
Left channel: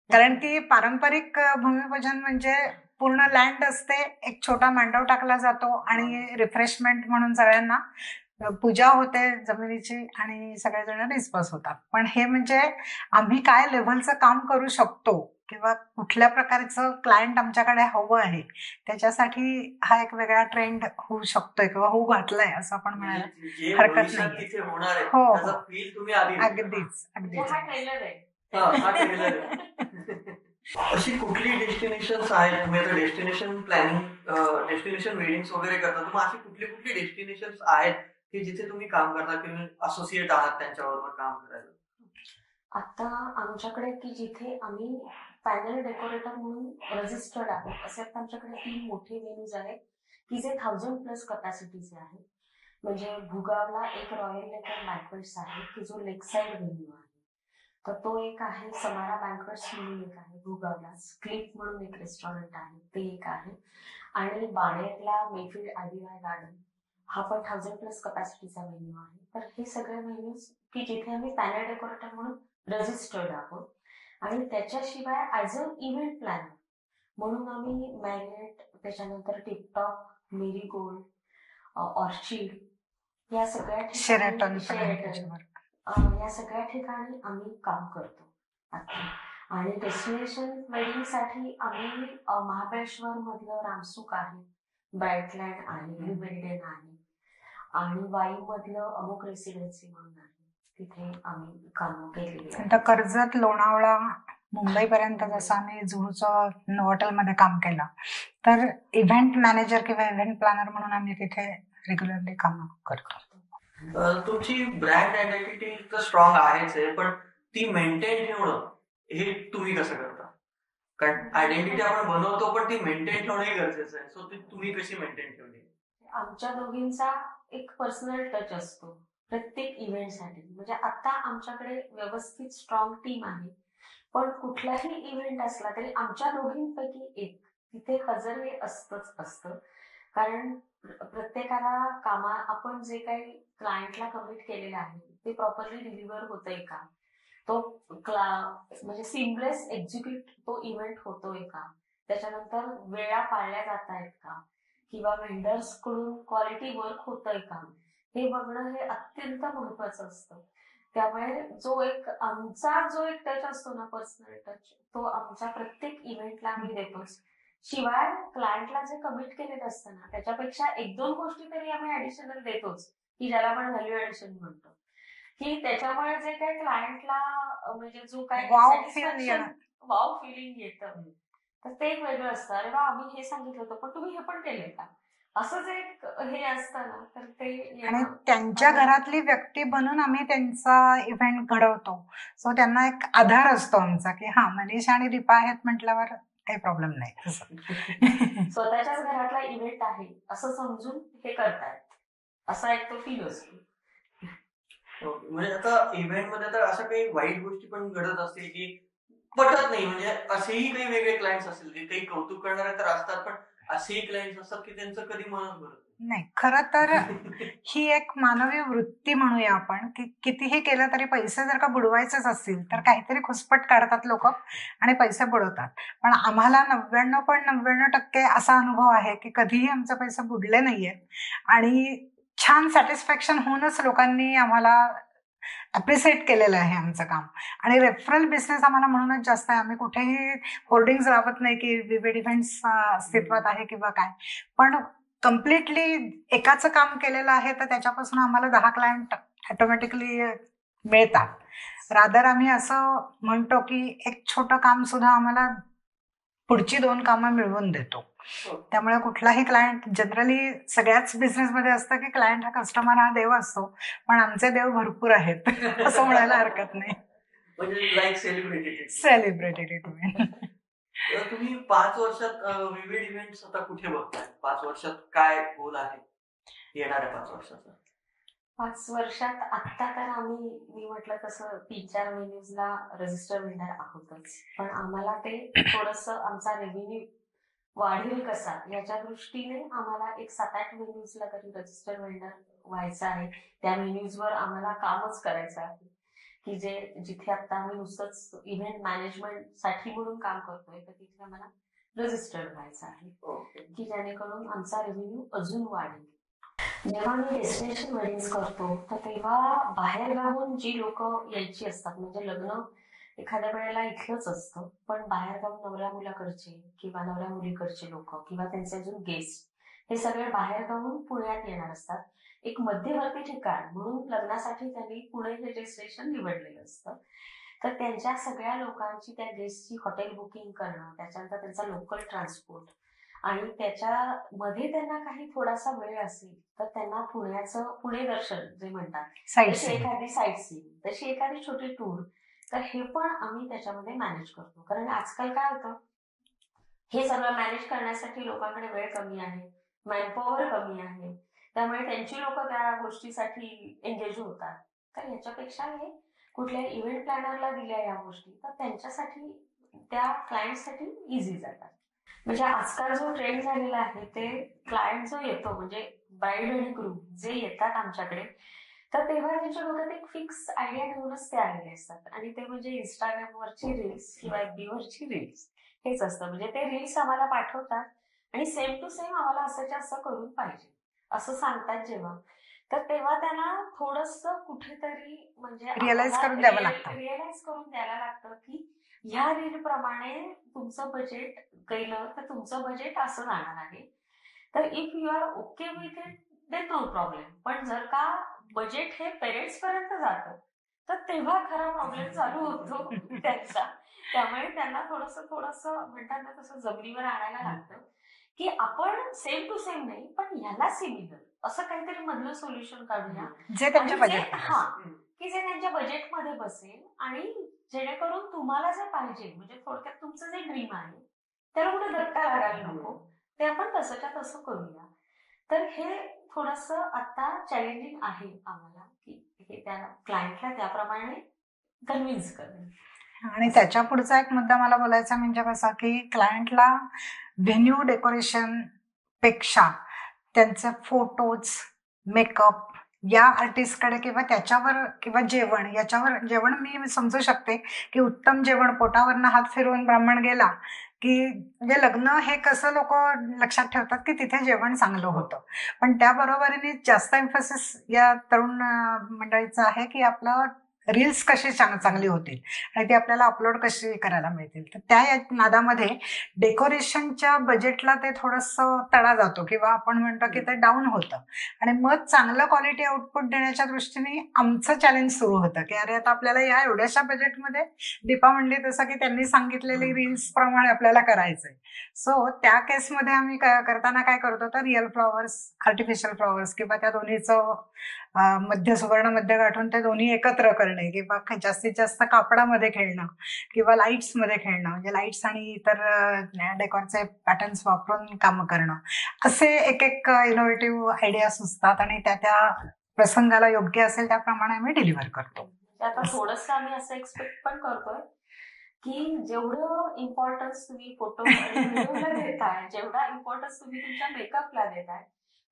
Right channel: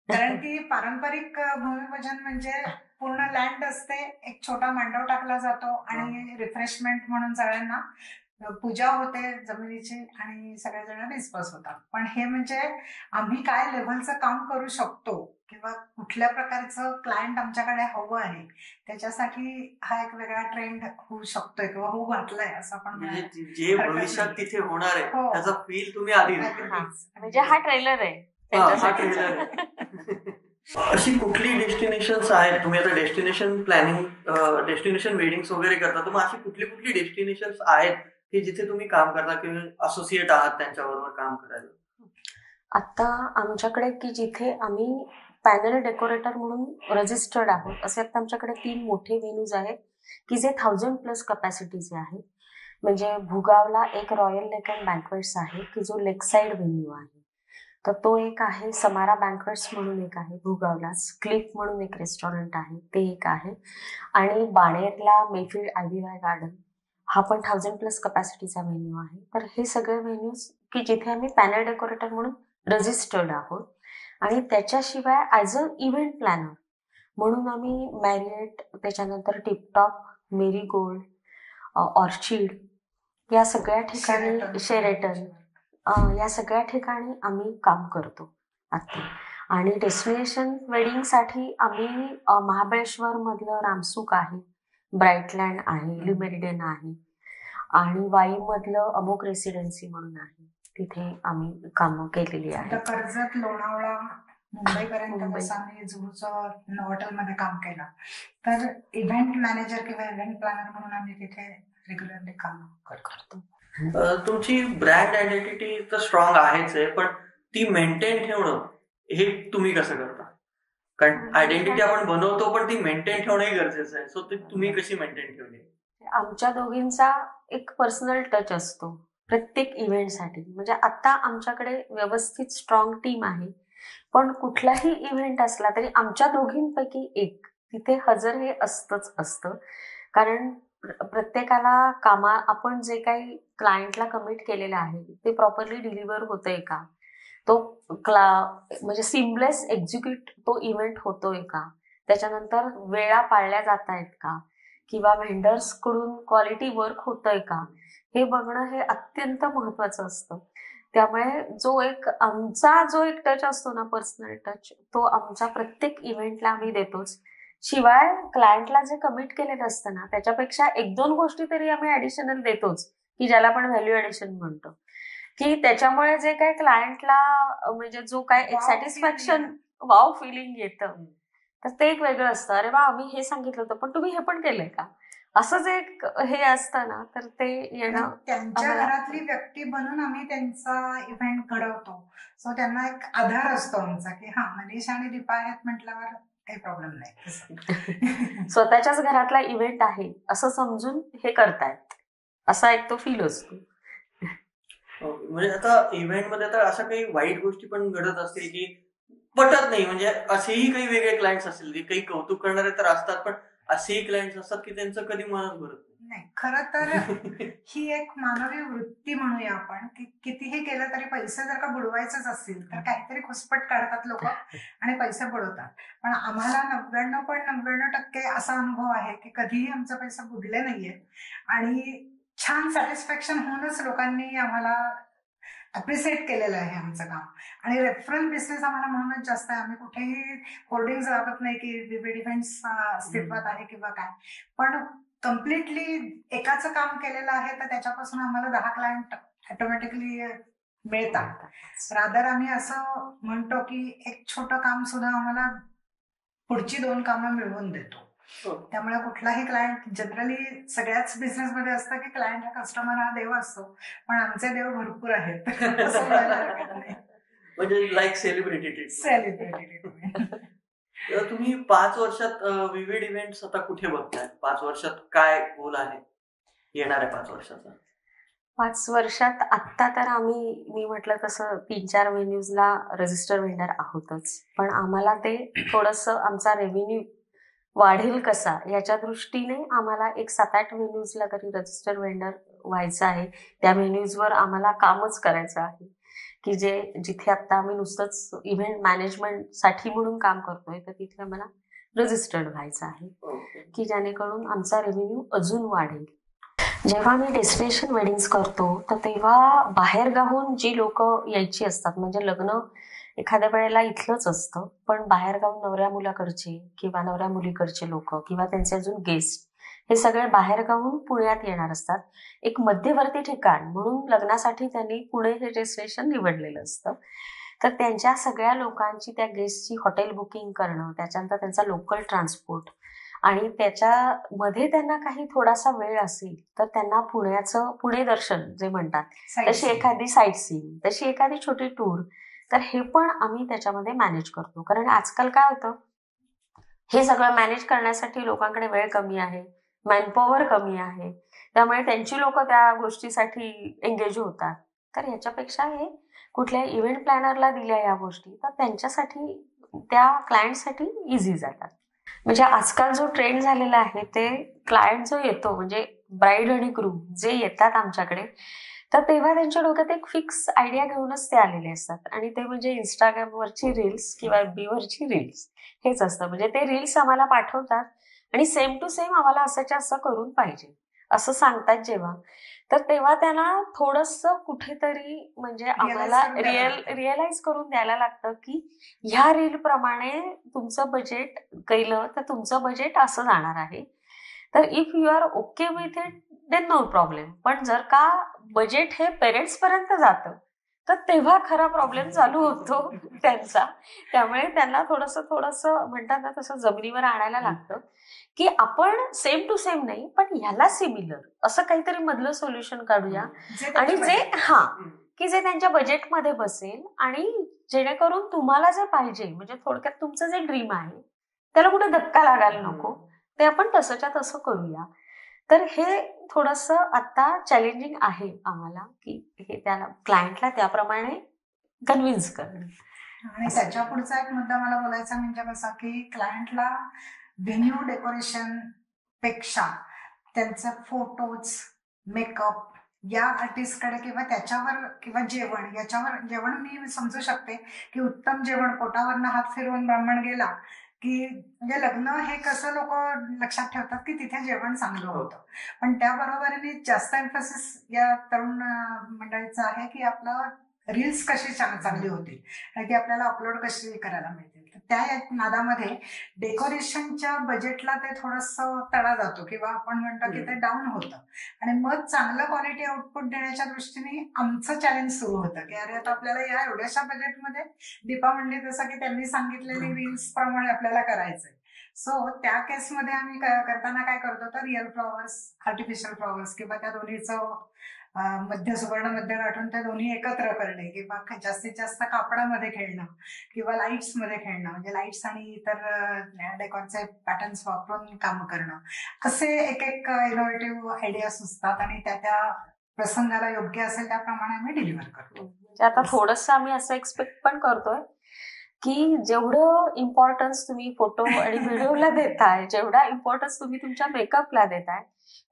कारण की पारंपरिक भूमिपूजन म्हणजे पूर्ण लँड असते, एक छोटा मांडव टाकला जातो आणि रिफ्रेशमेंट म्हणून सगळ्यांना पूजा होते जमिनीची आणि सगळेजण डिस्पर्स होतात. पण हे म्हणजे आम्ही काय लेव्हलचं काम करू शकतो किंवा कुठल्या प्रकारचं क्लायंट आमच्याकडे हवं आहे त्याच्यासाठी हा एक वेगळा ट्रेंड होऊ शकतोय किंवा होऊ घातलाय असं आपण म्हणायला जे हरकत भविष्यात नाहीये. तिथे होणार आहे हो, हो. त्याचा फील तुम्ही आधी देता. अगदीच म्हणजे हा ट्रेलर आहे हा ट्रेलर आहे. अशी कुठली डेस्टिनेशन्स आहेत, तुम्ही आता डेस्टिनेशन प्लॅनिंग डेस्टिनेशन वेडिंग्स वगैरे करता, तर मग अशी कुठली कुठली डेस्टिनेशन्स आहेत की जिथे तुम्ही काम करता किंवा असोसिएट आहात त्यांच्याबरोबर काम करायला? आता आमच्याकडे की जिथे आम्ही पॅनल डेकोरेटर म्हणून रजिस्टर्ड आहोत असे आता आमच्याकडे 3 मोठे व्हेन्यूज आहेत की जे 1000+ कपॅसिटीचे आहेत. म्हणजे भुगावला एक रॉयल लेक अँड बँक्वेट्स आहे की जो लेक साईड व्हेन्यू आहे, तर तो एक आहे. समारा बँक्वेट्स म्हणून एक आहे भुगावलाच. क्लिफ म्हणून एक रेस्टॉरंट आहे, ते एक आहे. आणि बाणेरला मेफील्ड आयव्हीवाय गार्डन हा पण 1000+ कपॅसिटीचा व्हेन्यू आहे. तर हे सगळे व्हेन्यूज की जिथे आम्ही पॅनल डेकोरेटर म्हणून रजिस्टर्ड आहोत. आणि त्याच्याशिवाय ॲज अ इव्हेंट प्लॅनर म्हणून आम्ही मॅरिएट, त्याच्यानंतर टिपटॉप, मेरीगोल्ड, ऑर्चिड या सगळ्या ठिकाणी, शेरेटन या सगळ्या ठिकाणी आम्ही काम करतो आता. आणि डेस्टिनेशन वेडिंगसाठी आम्ही महाबळेश्वर मधलं रामसूक आहे, ब्राईटलँड आहे, ल्युमेरिडियन आहे आणि वाईमधलं अमोक रेसिडेन्सी म्हणून आहे, तिथे आम्ही कामं केलेली आता आहेत. कर्जत, लोणावळा, मुंबईपर्यंत जसं आम्ही जुहूचं हॉटेलमध्ये काम केलं, तर इव्हेंट मॅनेजर किंवा इव्हेंट प्लॅनर म्हणून आम्ही तिथे रेग्युलरली काम करतो. तुमची ब्रँड आयडेंटिटी तर स्ट्रॉंग आहेच आहे, पण ती मेंटेन ठेवणं हे तुम्ही कसं करता? कारण आयडेंटिटी आपण बनवतो पण ती मेंटेन ठेवणंही गरजेचं आहे. सो तुम्ही कशी मेंटेन ठेवली? आमच्या दोघींचा एक पर्सनल टच असतो प्रत्येक इव्हेंटसाठी. म्हणजे आता आमच्याकडे व्यवस्थित स्ट्रॉंग टीम आहे, पण कुठलाही इव्हेंट असला तरी आमच्या दोघींपैकी एक तिथे हजर हे असतंच असतं. कारण प्रत्येकाला आपण जे काही क्लायंटला कमिट केलेलं आहे ते प्रॉपरली डिलिव्हर होतंय का, तो म्हणजे सिमलेस एक्झिक्यूट तो इव्हेंट होतोय का, त्याच्यानंतर वेळा पाळल्या जात आहेत का, किंवा व्हेंडर्स कडून क्वालिटी वर्क होतंय का, हे बघणं हे अत्यंत महत्वाचं असतं. त्यामुळे आमचा जो एक टच असतो ना, पर्सनल टच, तो आमच्या प्रत्येक इव्हेंटला आम्ही देतोच. शिवाय क्लायंटला जे कमिट केलेलं असतं ना त्याच्यापेक्षा 1-2 गोष्टी तरी आम्ही ऍडिशनल देतोच, की ज्याला आपण व्हॅल्यू ऍडिशन म्हणतो, की त्याच्यामुळे जे काही क्लायंटला म्हणजे जो काय सॅटिस्फॅक्शन, वाव फिलिंग येतं, तर ते एक वेगळं असतं. अरे वा, आम्ही हे सांगितलं होतं पण तुम्ही हे पण केलंय का, असं जे हे असतं ना, तर ते येणं त्यांच्या घरातली व्यक्ती बनून आम्ही त्यांचा इव्हेंट घडवतो. सो त्यांना एक आधार असतो आमचा की हा मनीषा आणि दीपा आहेत म्हटल्यावर काही प्रॉब्लेम नाही. स्वतःच्याच घरातला इव्हेंट आहे असं समजून हे करतायत, असा एक तो फील असतो. म्हणजे आता इव्हेंट मध्ये तर अशा काही वाईट गोष्टी पण घडत असतील की पटत नाही, म्हणजे असेही काही वेगळे क्लायंट्स असतील की काही कौतुक करणारे तर असतात, पण असेही क्लायंट्स असतात की त्यांचं कधी मनच भरत नाही. खरं तर ही एक मानवी वृत्ती म्हणूया आपण, की कितीही केलं तरी पैसे जर का बुडवायचेच असतील तर काहीतरी खुसपट काढतात लोक आणि पैसे बुडवतात. पण आम्हाला 99.99% असा अनुभव आहे की कधीही आमचे पैसे बुडले नाहीयेत आणि छान सॅटिस्फॅक्शन होऊनच लोकांनी आम्हाला अप्रिशिएट केलेलं आहे आमचं काम. आणि रेफरल बिझनेस आम्हाला म्हणूनच जास्त आहे. आम्ही कुठेही होर्डिंग्स लावत नाही की विविध इव्हेंट्स अस्तित्वात आहे किंवा काय, पण कम्प्लिटली एकाचं काम केलेलं आहे तर त्याच्यापासून आम्हाला 10 क्लायंट ऑटोमॅटिकली मिळतात. रादर आम्ही असं म्हणतो की एक छोटं काम सुद्धा आम्हाला पुढची 2 कामं मिळवून देतो. त्यामुळे कुठलाही क्लायंट, जनरली सगळ्याच बिझनेसमध्ये असतं की क्लायंट हा कस्टमर हा देव असतो, पण आमचे देव भरपूर आहेत असं म्हणायला हरकत नाही. म्हणजे लाईक सेलिब्रिटी. तुम्ही 5 वर्षात विविध इव्हेंट्स आता कुठे बघताय? 5 वर्षात काय गोल आहे येणाऱ्या 5 वर्षाचा? 5 वर्षात आत्ता तर मी म्हटलं तसं 3-4 व्हेन्यूजला रजिस्टर व्हेंडर आहोतच, पण आम्हाला ते थोडंसं आमचा रेव्हेन्यू वाढेल कसा याच्या दृष्टीने आम्हाला एक 7-8 व्हेन्यूजला तरी रजिस्टर व्हेंडर व्हायचं आहे. त्या व्हेन्यूजवर आम्हाला कामच करायचं आहे, की जिथे आता आम्ही नुसतंच इव्हेंट मॅनेजमेंटसाठी म्हणून काम करतोय, तर तिथे आम्हाला रजिस्टर्ड व्हायचं आहे, की जेणेकरून आमचा रेव्हेन्यू अजून वाढेल. जेव्हा मी डेस्टिनेशन वेडिंग्स करतो तर तेव्हा बाहेरगावून जी लोक यायची असतात, म्हणजे लग्न एखाद्या वेळेला इथलंच असतं, पण बाहेरगाव नवऱ्या मुलाकडचे किंवा नवऱ्या मुलीकडचे लोक किंवा त्यांचे अजून गेस्ट हे सगळे बाहेरगावून पुण्यात येणार असतात. एक मध्यवर्ती ठिकाण म्हणून लग्नासाठी त्यांनी पुणे हे डेस्टिनेशन निवडलेलं असतं. तर त्यांच्या सगळ्या लोकांची, त्या गेस्टची हॉटेल बुकिंग करणं, त्याच्यानंतर त्यांचा लोकल ट्रान्सपोर्ट आणि त्याच्यामध्ये त्यांना काही थोडासा वेळ असेल तर त्यांना पुण्याचं पुणे दर्शन जे म्हणतात, तशी एखादी साईट सीइंग, तशी एखादी छोटी टूर, तर हे पण आम्ही त्याच्यामध्ये मॅनेज करतो. कारण आजकाल काय होतं, हे सगळं मॅनेज करण्यासाठी लोकांकडे वेळ कमी आहे, मॅनपॉवर कमी आहे, त्यामुळे त्यांची लोक त्या गोष्टीसाठी एंगेज होतात. तर ह्याच्यापेक्षा हे कुठल्या इव्हेंट प्लॅनरला दिल्या या गोष्टी तर त्यांच्यासाठी, त्या क्लायंटसाठी इझी जातात. म्हणजे आजकाल जो ट्रेंड झालेला आहे ते क्लायंट जो येतो, म्हणजे ब्राईड आणि ग्रूम जे येतात आमच्याकडे, तर तेव्हा त्यांच्या डोक्यात एक फिक्स आयडिया घेऊनच ते आलेले असतात आणि ते म्हणजे इंस्टाग्रामवरची रील्स किंवा FB वरची रील्स हेच असतं. म्हणजे ते रील्स आम्हाला पाठवतात आणि सेम टू सेम आम्हाला असंच्या असं करून पाहिजे असं सांगतात जेव्हा, तर तेव्हा त्यांना थोडंसं कुठेतरी म्हणजे आम्हाला रिअलाइज करून द्यायला लागतं की ह्या रील प्रमाणे तुमचं बजेट केलं तर तुमचं बजेट असं जाणार आहे. तर if you are okay with it then no problem. पण जर का बजेट हे पेरेंट्स पर्यंत जातं तर तेव्हा खरा प्रॉब्लेम चालू होतो त्यांचा. त्यामुळे त्यांना थोडंसं म्हणतात ना, तसं जमिनीवर आणायला लागतं की आपण सेम टू सेम नाही पण ह्याला सिमिलर असं काहीतरी मधलं सोल्युशन काढूया आणि जे त्यांच्या बजेटमध्ये बसेल आणि जेणेकरून तुम्हाला जे पाहिजे, म्हणजे थोडक्यात तुमचं जे ड्रीम आहे त्याला कुठे धक्का लागायला नको, ते आपण तसंच्या तसं करूया. तर हे थोडंसं आता चॅलेंजिंग आहे आम्हाला की हे त्याला क्लायंटला त्याप्रमाणे कन्व्हिन्स करणं. आणि त्याच्या पुढचा एक मुद्दा मला बोलायचा म्हणजे कसा की क्लायंटला व्हेन्यू डेकोरेशन पेक्षा त्यांचे फोटोज, मेकअप या आर्टिस्टकडे किंवा त्याच्यावर किंवा जेवण मी समजू शकते की उत्तम जेवण, पोटावरनं हात फिरवून ब्राह्मण गेला की म्हणजे लग्न हे कसं लोक लक्षात ठेवतात की तिथे जेवण चांगलं होतं. पण त्याबरोबरीने जास्त एम्फसिस या तरुण मंडळीचं आहे की आपलं रील्स कशी चांगली होतील आणि ती आपल्याला अपलोड कशी करायला मिळतील. तर त्या नादामध्ये डेकोरेशनच्या बजेटला ते थोडंसं तडा जातो किंवा आपण म्हणतो की ते डाऊन होतं आणि मग चांगलं क्वालिटी आउटपुट देण्याच्या दृष्टीने आमचं चॅलेंज सुरू होतं की अरे आता आपल्याला या एवढ्याशा बजेटमध्ये दीपा म्हणली तसं की त्यांनी सांगितलेली रील्स प्रमाणे आपल्याला करायचंय. सो त्या केसमध्ये आम्ही करताना काय करतो तर रिअल फ्लॉवर्स, आर्टिफिशियल फ्लॉवर्स किंवा त्या दोन्हीचं सुवर्ण मध्य गाठून ते दोन्ही एकत्र करणे किंवा जास्तीत जास्त कापडामध्ये खेळणं किंवा लाईट्समध्ये खेळणं, म्हणजे लाईट्स आणि इतर डेकॉरचे पॅटर्न्स वापरून कामं करणं, असे एक इनोव्हेटिव्ह आयडिया सुचतात आणि त्या प्रसंगाला योग्य असेल त्याप्रमाणे आम्ही डिलिव्हर करतो. म्हणजे आता थोडंसं आम्ही असं एक्सपेक्ट पण करतोय की जेवढं इम्पॉर्टन्स तुम्ही फोटो आणि व्हिडिओला देताय, जेवढा इम्पॉर्टन्स तुम्ही तुमच्या मेकअपला देताय,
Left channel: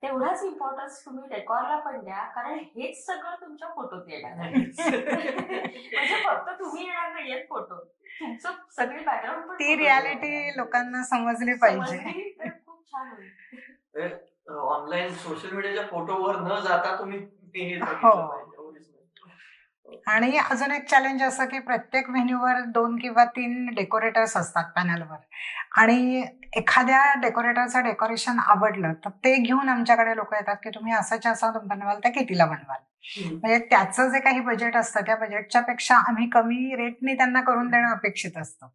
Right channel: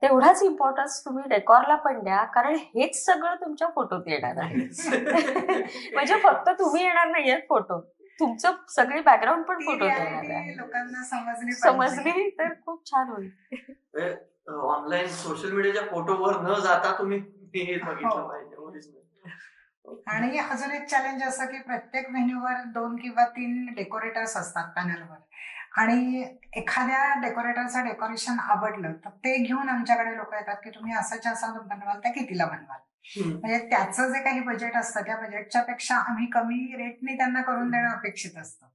तेवढाच इम्पॉर्टन्स तुम्ही डेकॉरला पण द्या, कारण हेच सगळं तुमच्या फोटोत येणार आहे. म्हणजे फक्त तुम्ही येणार नाहीये फोटो, तुमचं सगळी बॅकग्राऊंड पण ती रियालिटी लोकांना समजली तर खूप छान होईल. ऑनलाईन सोशल मीडियाच्या फोटोवर न जाता तुम्ही आणि अजून एक चॅलेंज असं की प्रत्येक व्हेन्यूवर 2 किंवा 3 डेकोरेटर्स असतात पॅनलवर आणि एखाद्या डेकोरेटरचं डेकोरेशन आवडलं तर ते घेऊन आमच्याकडे लोक येतात की तुम्ही असं बनवाल तर कितीला बनवाल. म्हणजे त्याचं जे काही बजेट असतं त्या बजेटच्या पेक्षा आम्ही कमी रेटने त्यांना करून देणं अपेक्षित असतं.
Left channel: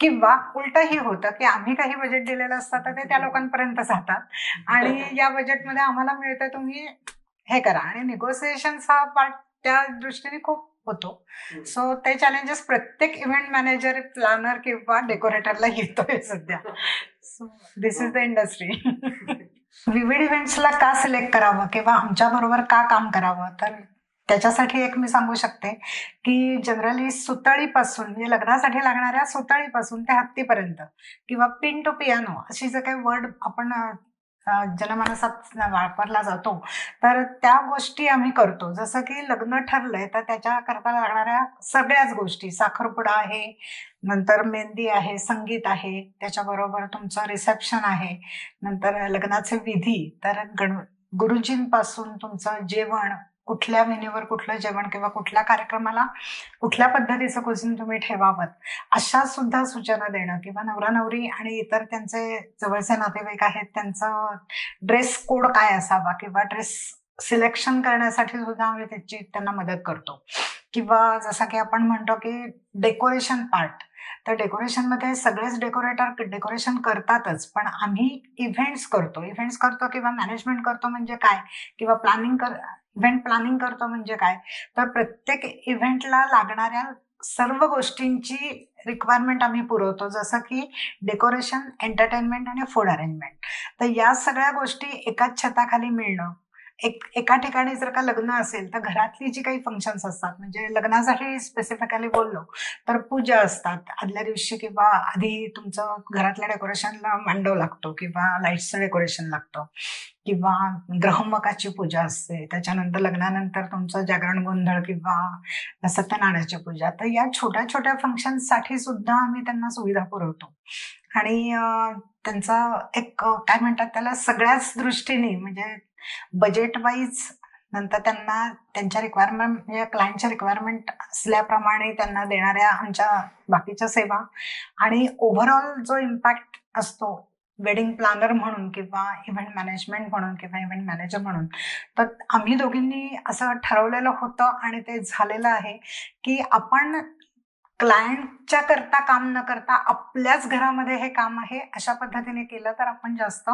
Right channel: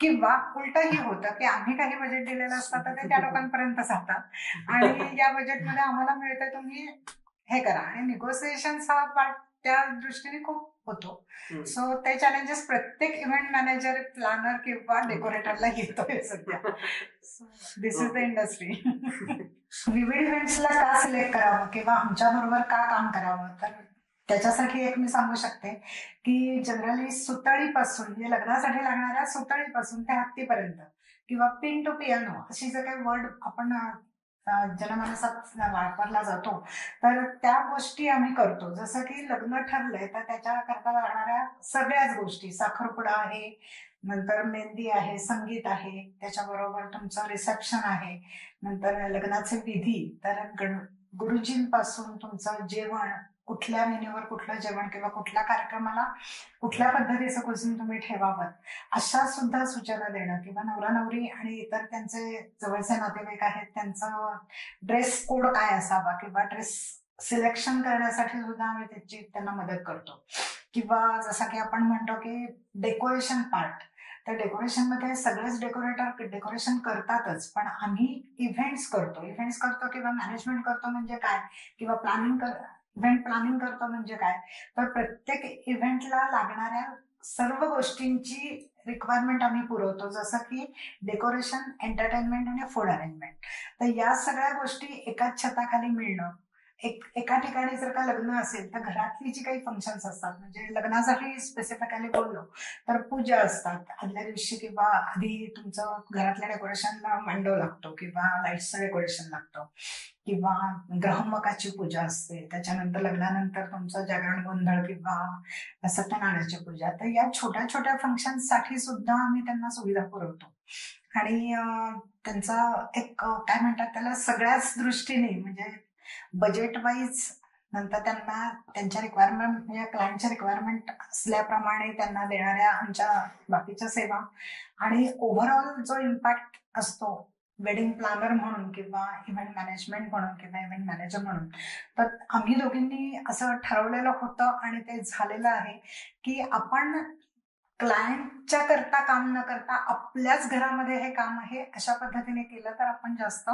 किंवा उलटही होतं की आम्ही काही बजेट दिलेलं असतं तर ते त्या लोकांपर्यंत जातात आणि या बजेटमध्ये आम्हाला मिळतं तुम्ही हे करा, आणि निगोसिएशन्स हा पार्ट त्या दृष्टीने खूप होतो. सो ते चॅलेंजेस प्रत्येक इव्हेंट मॅनेजर, प्लॅनर किंवा डेकोरेटरला येतोय सध्या. So this is the industry. विविध इव्हेंट्सला का सिलेक्ट करावं किंवा आमच्या बरोबर का काम करावं, तर त्याच्यासाठी एक मी सांगू शकते की जनरली सुतळीपासून, म्हणजे लग्नासाठी लागणाऱ्या सुतळीपासून ते हत्तीपर्यंत किंवा पिन टू पियानो अशी जे काही वर्ड आपण जनमानसात वापरला जातो तर त्या गोष्टी आम्ही करतो. जसं की लग्न ठरलंय तर त्याच्या करता लागणाऱ्या सगळ्याच गोष्टी, साखरपुडा आहे, नंतर मेहंदी आहे, संगीत आहे, त्याच्याबरोबर तुमचं रिसेप्शन आहे, नंतर लग्नाचे विधी, तर गुरुजींपासून तुमचं जेवण, कुठल्या मेन्यूवर कुठलं जेवण किंवा कुठल्या कार्यक्रमाला कुठल्या पद्धतीचं कुझिन तुम्ही ठेवावं, अशा सुद्धा सूचना देणं, किंवा नवरा नवरी आणि इतर त्यांचे जवळचे नातेवाईक आहेत त्यांचं ड्रेस कोड काय असावा, किंवा ड्रेस सिलेक्शन करण्यासाठी सुद्धा आम्ही त्यांना मदत करतो. किंवा जसं की आपण म्हणतो की डेकोरेशन पार्ट, तर डेकोरेशनमध्ये सगळेच डेकोरेशन करतातच, पण आम्ही इव्हेंट्स करतो किंवा मॅनेजमेंट करतो म्हणजे काय, किंवा इव्हेंट प्लॅनिंग करतो म्हणजे काय, तर प्रत्येक इव्हेंटला लागणाऱ्या सर्व गोष्टींची रिक्वायरमेंट आम्ही पुरवतो, जसं की डेकोरेशन, एंटरटेनमेंट आणि फूड अरेंजमेंट. तर या सगळ्या गोष्टी एकाच छताखाली मिळणं. एका ठिकाणी जर का लग्न असेल तर घरातली जी काही फंक्शन्स असतात, म्हणजे लग्नासाठी स्पेसिफिकली बोललो तर पूजा असतात आदल्या दिवशी, किंवा आधी तुमचं घरातल्या डेकोरेशनला मांडव लागतो, किंवा लाईट्सचं डेकोरेशन लागतं, किंवा ग्रहमकाची पूजा असते, त्याच्यानंतर लग्नानंतर तुमचं जागरण गोंधळ किंवा सत्यनारायणाची पूजा. तर या छोट्या छोट्या फंक्शन्ससाठी सुद्धा आम्ही त्यांना सुविधा पुरवतो. आणि त्यांचा एक काय म्हणतात त्याला, सगळ्याच दृष्टीने म्हणजे बजेट वाईज, नंतर त्यांना त्यांच्या रिक्वायरमेंट म्हणजे क्लायंटच्या रिक्वायरमेंट असल्याप्रमाणे त्यांना देणाऱ्या आमच्या बाकीच्या सेवा, आणि ओव्हरऑल जो इम्पॅक्ट असतो वेडिंग प्लॅनर म्हणून किंवा इव्हेंट मॅनेजमेंट म्हणून किंवा इव्हेंट मॅनेजर म्हणून, तर आम्ही दोघींनी असं ठरवलेलं होतं आणि ते झालेलं आहे की आपण क्लायंटच्या करता काम न करता आपल्याच घरामध्ये हे काम आहे अशा पद्धतीने केलं तर आपण जास्त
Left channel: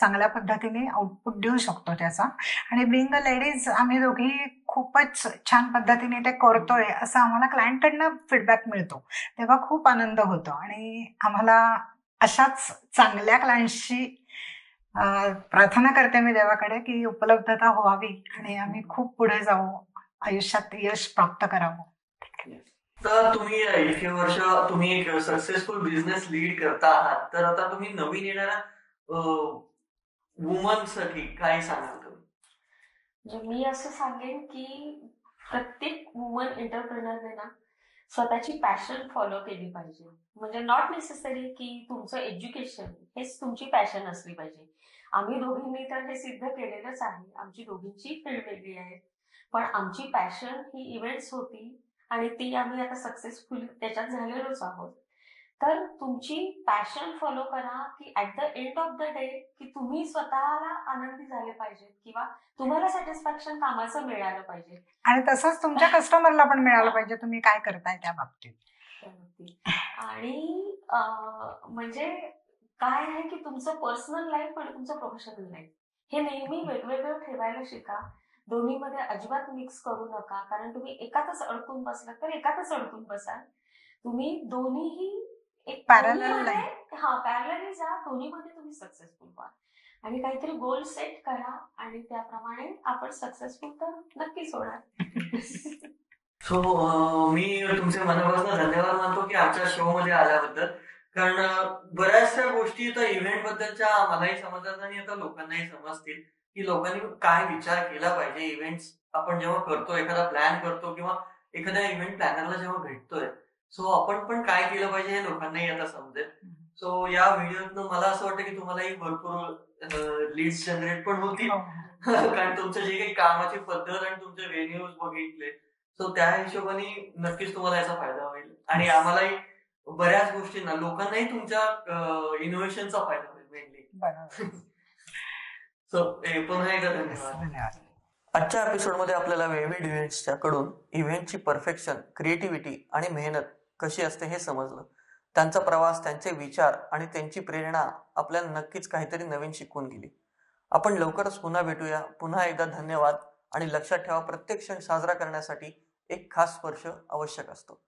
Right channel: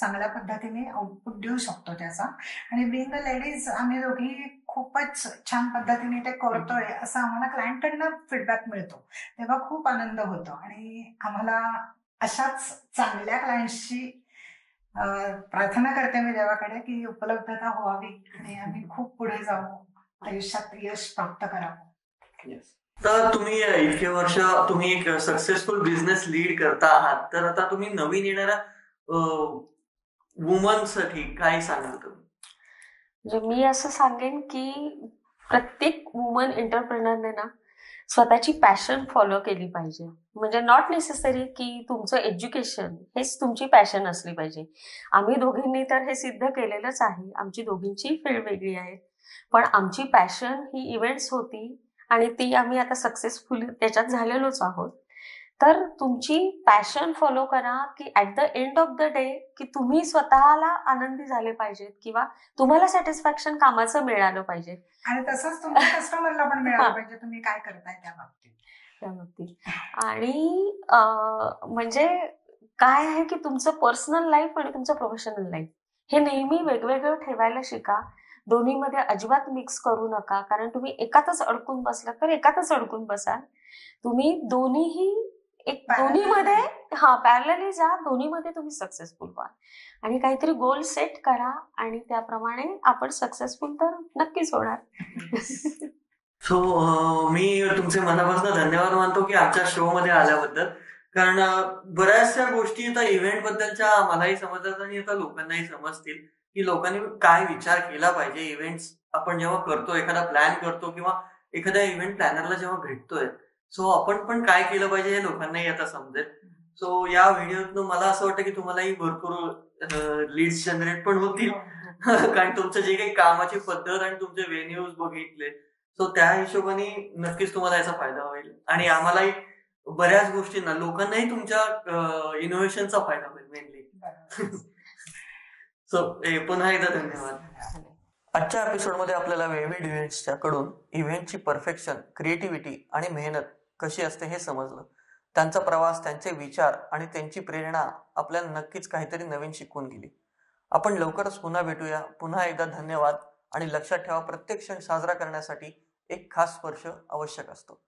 चांगल्या पद्धतीने आउटपुट देऊ शकतो त्याचा. आणि बिंग अ लेडीज आम्ही दोघी खूपच छान पद्धतीने ते करतोय असं आम्हाला क्लायंटकडनं फीडबॅक मिळतो, तेव्हा खूप आनंद होतो. आणि आम्हाला अशाच चांगल्या क्लायंटशी प्रार्थना करते मी देवाकडे की उपलब्धता व्हावी आणि आम्ही खूप पुढे जाऊ, आयुष्यात यश प्राप्त करावं. तर तुम्ही इतके वर्ष तुम्ही एक सक्सेसफुल बिझनेस लीड करता आहात, तर आता तुम्ही नवीन येणाऱ्या वुमनसाठी काय सांगाल तुम्ही? म्हणजे मी असं सांगेन की प्रत्येक वुमन एंटरप्रेनरने ना स्वतःची पॅशन फॉलो केली पाहिजे. म्हणजे नॉट नेसेसरी की तुमचं एज्युकेशन हेच तुमची पॅशन असली पाहिजे. आम्ही दोघींनी तर हे सिद्ध केलेलंच आहे. आमची दोघींची फील्ड वेगळी आहे, पण आमची पॅशन ही इव्हेंट्स होती आणि ती आम्ही आता सक्सेसफुली त्याच्यात झालेलोच आहोत. तर तुमची पॅशन फॉलो करा की at the end of the day की तुम्ही स्वतःला आनंदी झाले पाहिजेत किंवा तुम्हाला सॅटिस्फॅक्शन कामाचं मिळालं पाहिजे. आणि तसंच तुमच्या कस्टमरला पण मिळालं पाहिजे तुम्ही काय करताय त्या बाबतीत. आणि म्हणजे काय आहे की तुमचं पर्सनल लाईफ आणि तुमचं प्रोफेशनल लाईफ हे नेहमी वेगवेगळं ठेवायला शिका. दोन्हीमध्ये अजिबात मिक्स करू नका, कारण तुम्ही एकातच अडकून बसलात तर एकातच अडकून बसाल. तुम्ही दोन्हीही एक दोन्हीमध्ये पॅरलली जा, दोन्हीमध्ये तुम्ही सक्सेसफुल व्हा आणि काहीतरी गोल सेट करा आणि त्याप्रमाणे आपण सक्सेसफुल तर नक्कीच होणार. सो मी तुमचे मनापासून धन्यवाद मानतो की आमच्या शो मध्ये आल्याबद्दल, कारण बऱ्याचशा गोष्टी आता इव्हेंट बद्दलच्या मलाही समजतात आणि आता लोकांनाही समजतील की लोकांनी काय विचार केला पाहिजे. इव्हेंट्स आपण जेव्हा करतो, एखादा प्लॅन करतो किंवा एखाद्या इव्हेंट प्लॅनरला जेव्हा भेटतोय, सो आपण पण काय केलं पाहिजे हे लोकांनाही आता समजेल. सो या व्हिडिओतनं मला असं वाटतं की तुम्हालाही भरपूर लीड्स जनरेट पण होतील, कारण तुमचं जे काही कामाची पद्धत आणि तुमचे व्हेन्यूज बघितले, सो त्या हिशोबाने नक्कीच तुम्हाला याचा फायदा होईल. आणि आम्हालाही बऱ्याच गोष्टींना लोकांनाही तुमच्या इनोव्हेशनचा फायदा होईल मेनली. सो पुन्हा एकदा धन्यवाद. आजच्या एपिसोडमध्ये आपल्याला वेव्हिड इव्हेंट्सच्या कडून इव्हेंटची परफेक्शन, क्रिएटिव्हिटी आणि मेहनत कशी असते हे समजलं. त्यांचा प्रवास, त्यांचे विचार आणि त्यांची प्रेरणा आपल्याला नक्कीच काहीतरी नवीन शिकवून गेली. आपण लवकरच पुन्हा भेटूया. पुन्हा एकदा धन्यवाद आणि लक्षात ठेवा, प्रत्येक क्षण साजरा करण्यासाठी एक खास स्पर्श आवश्यक असतो.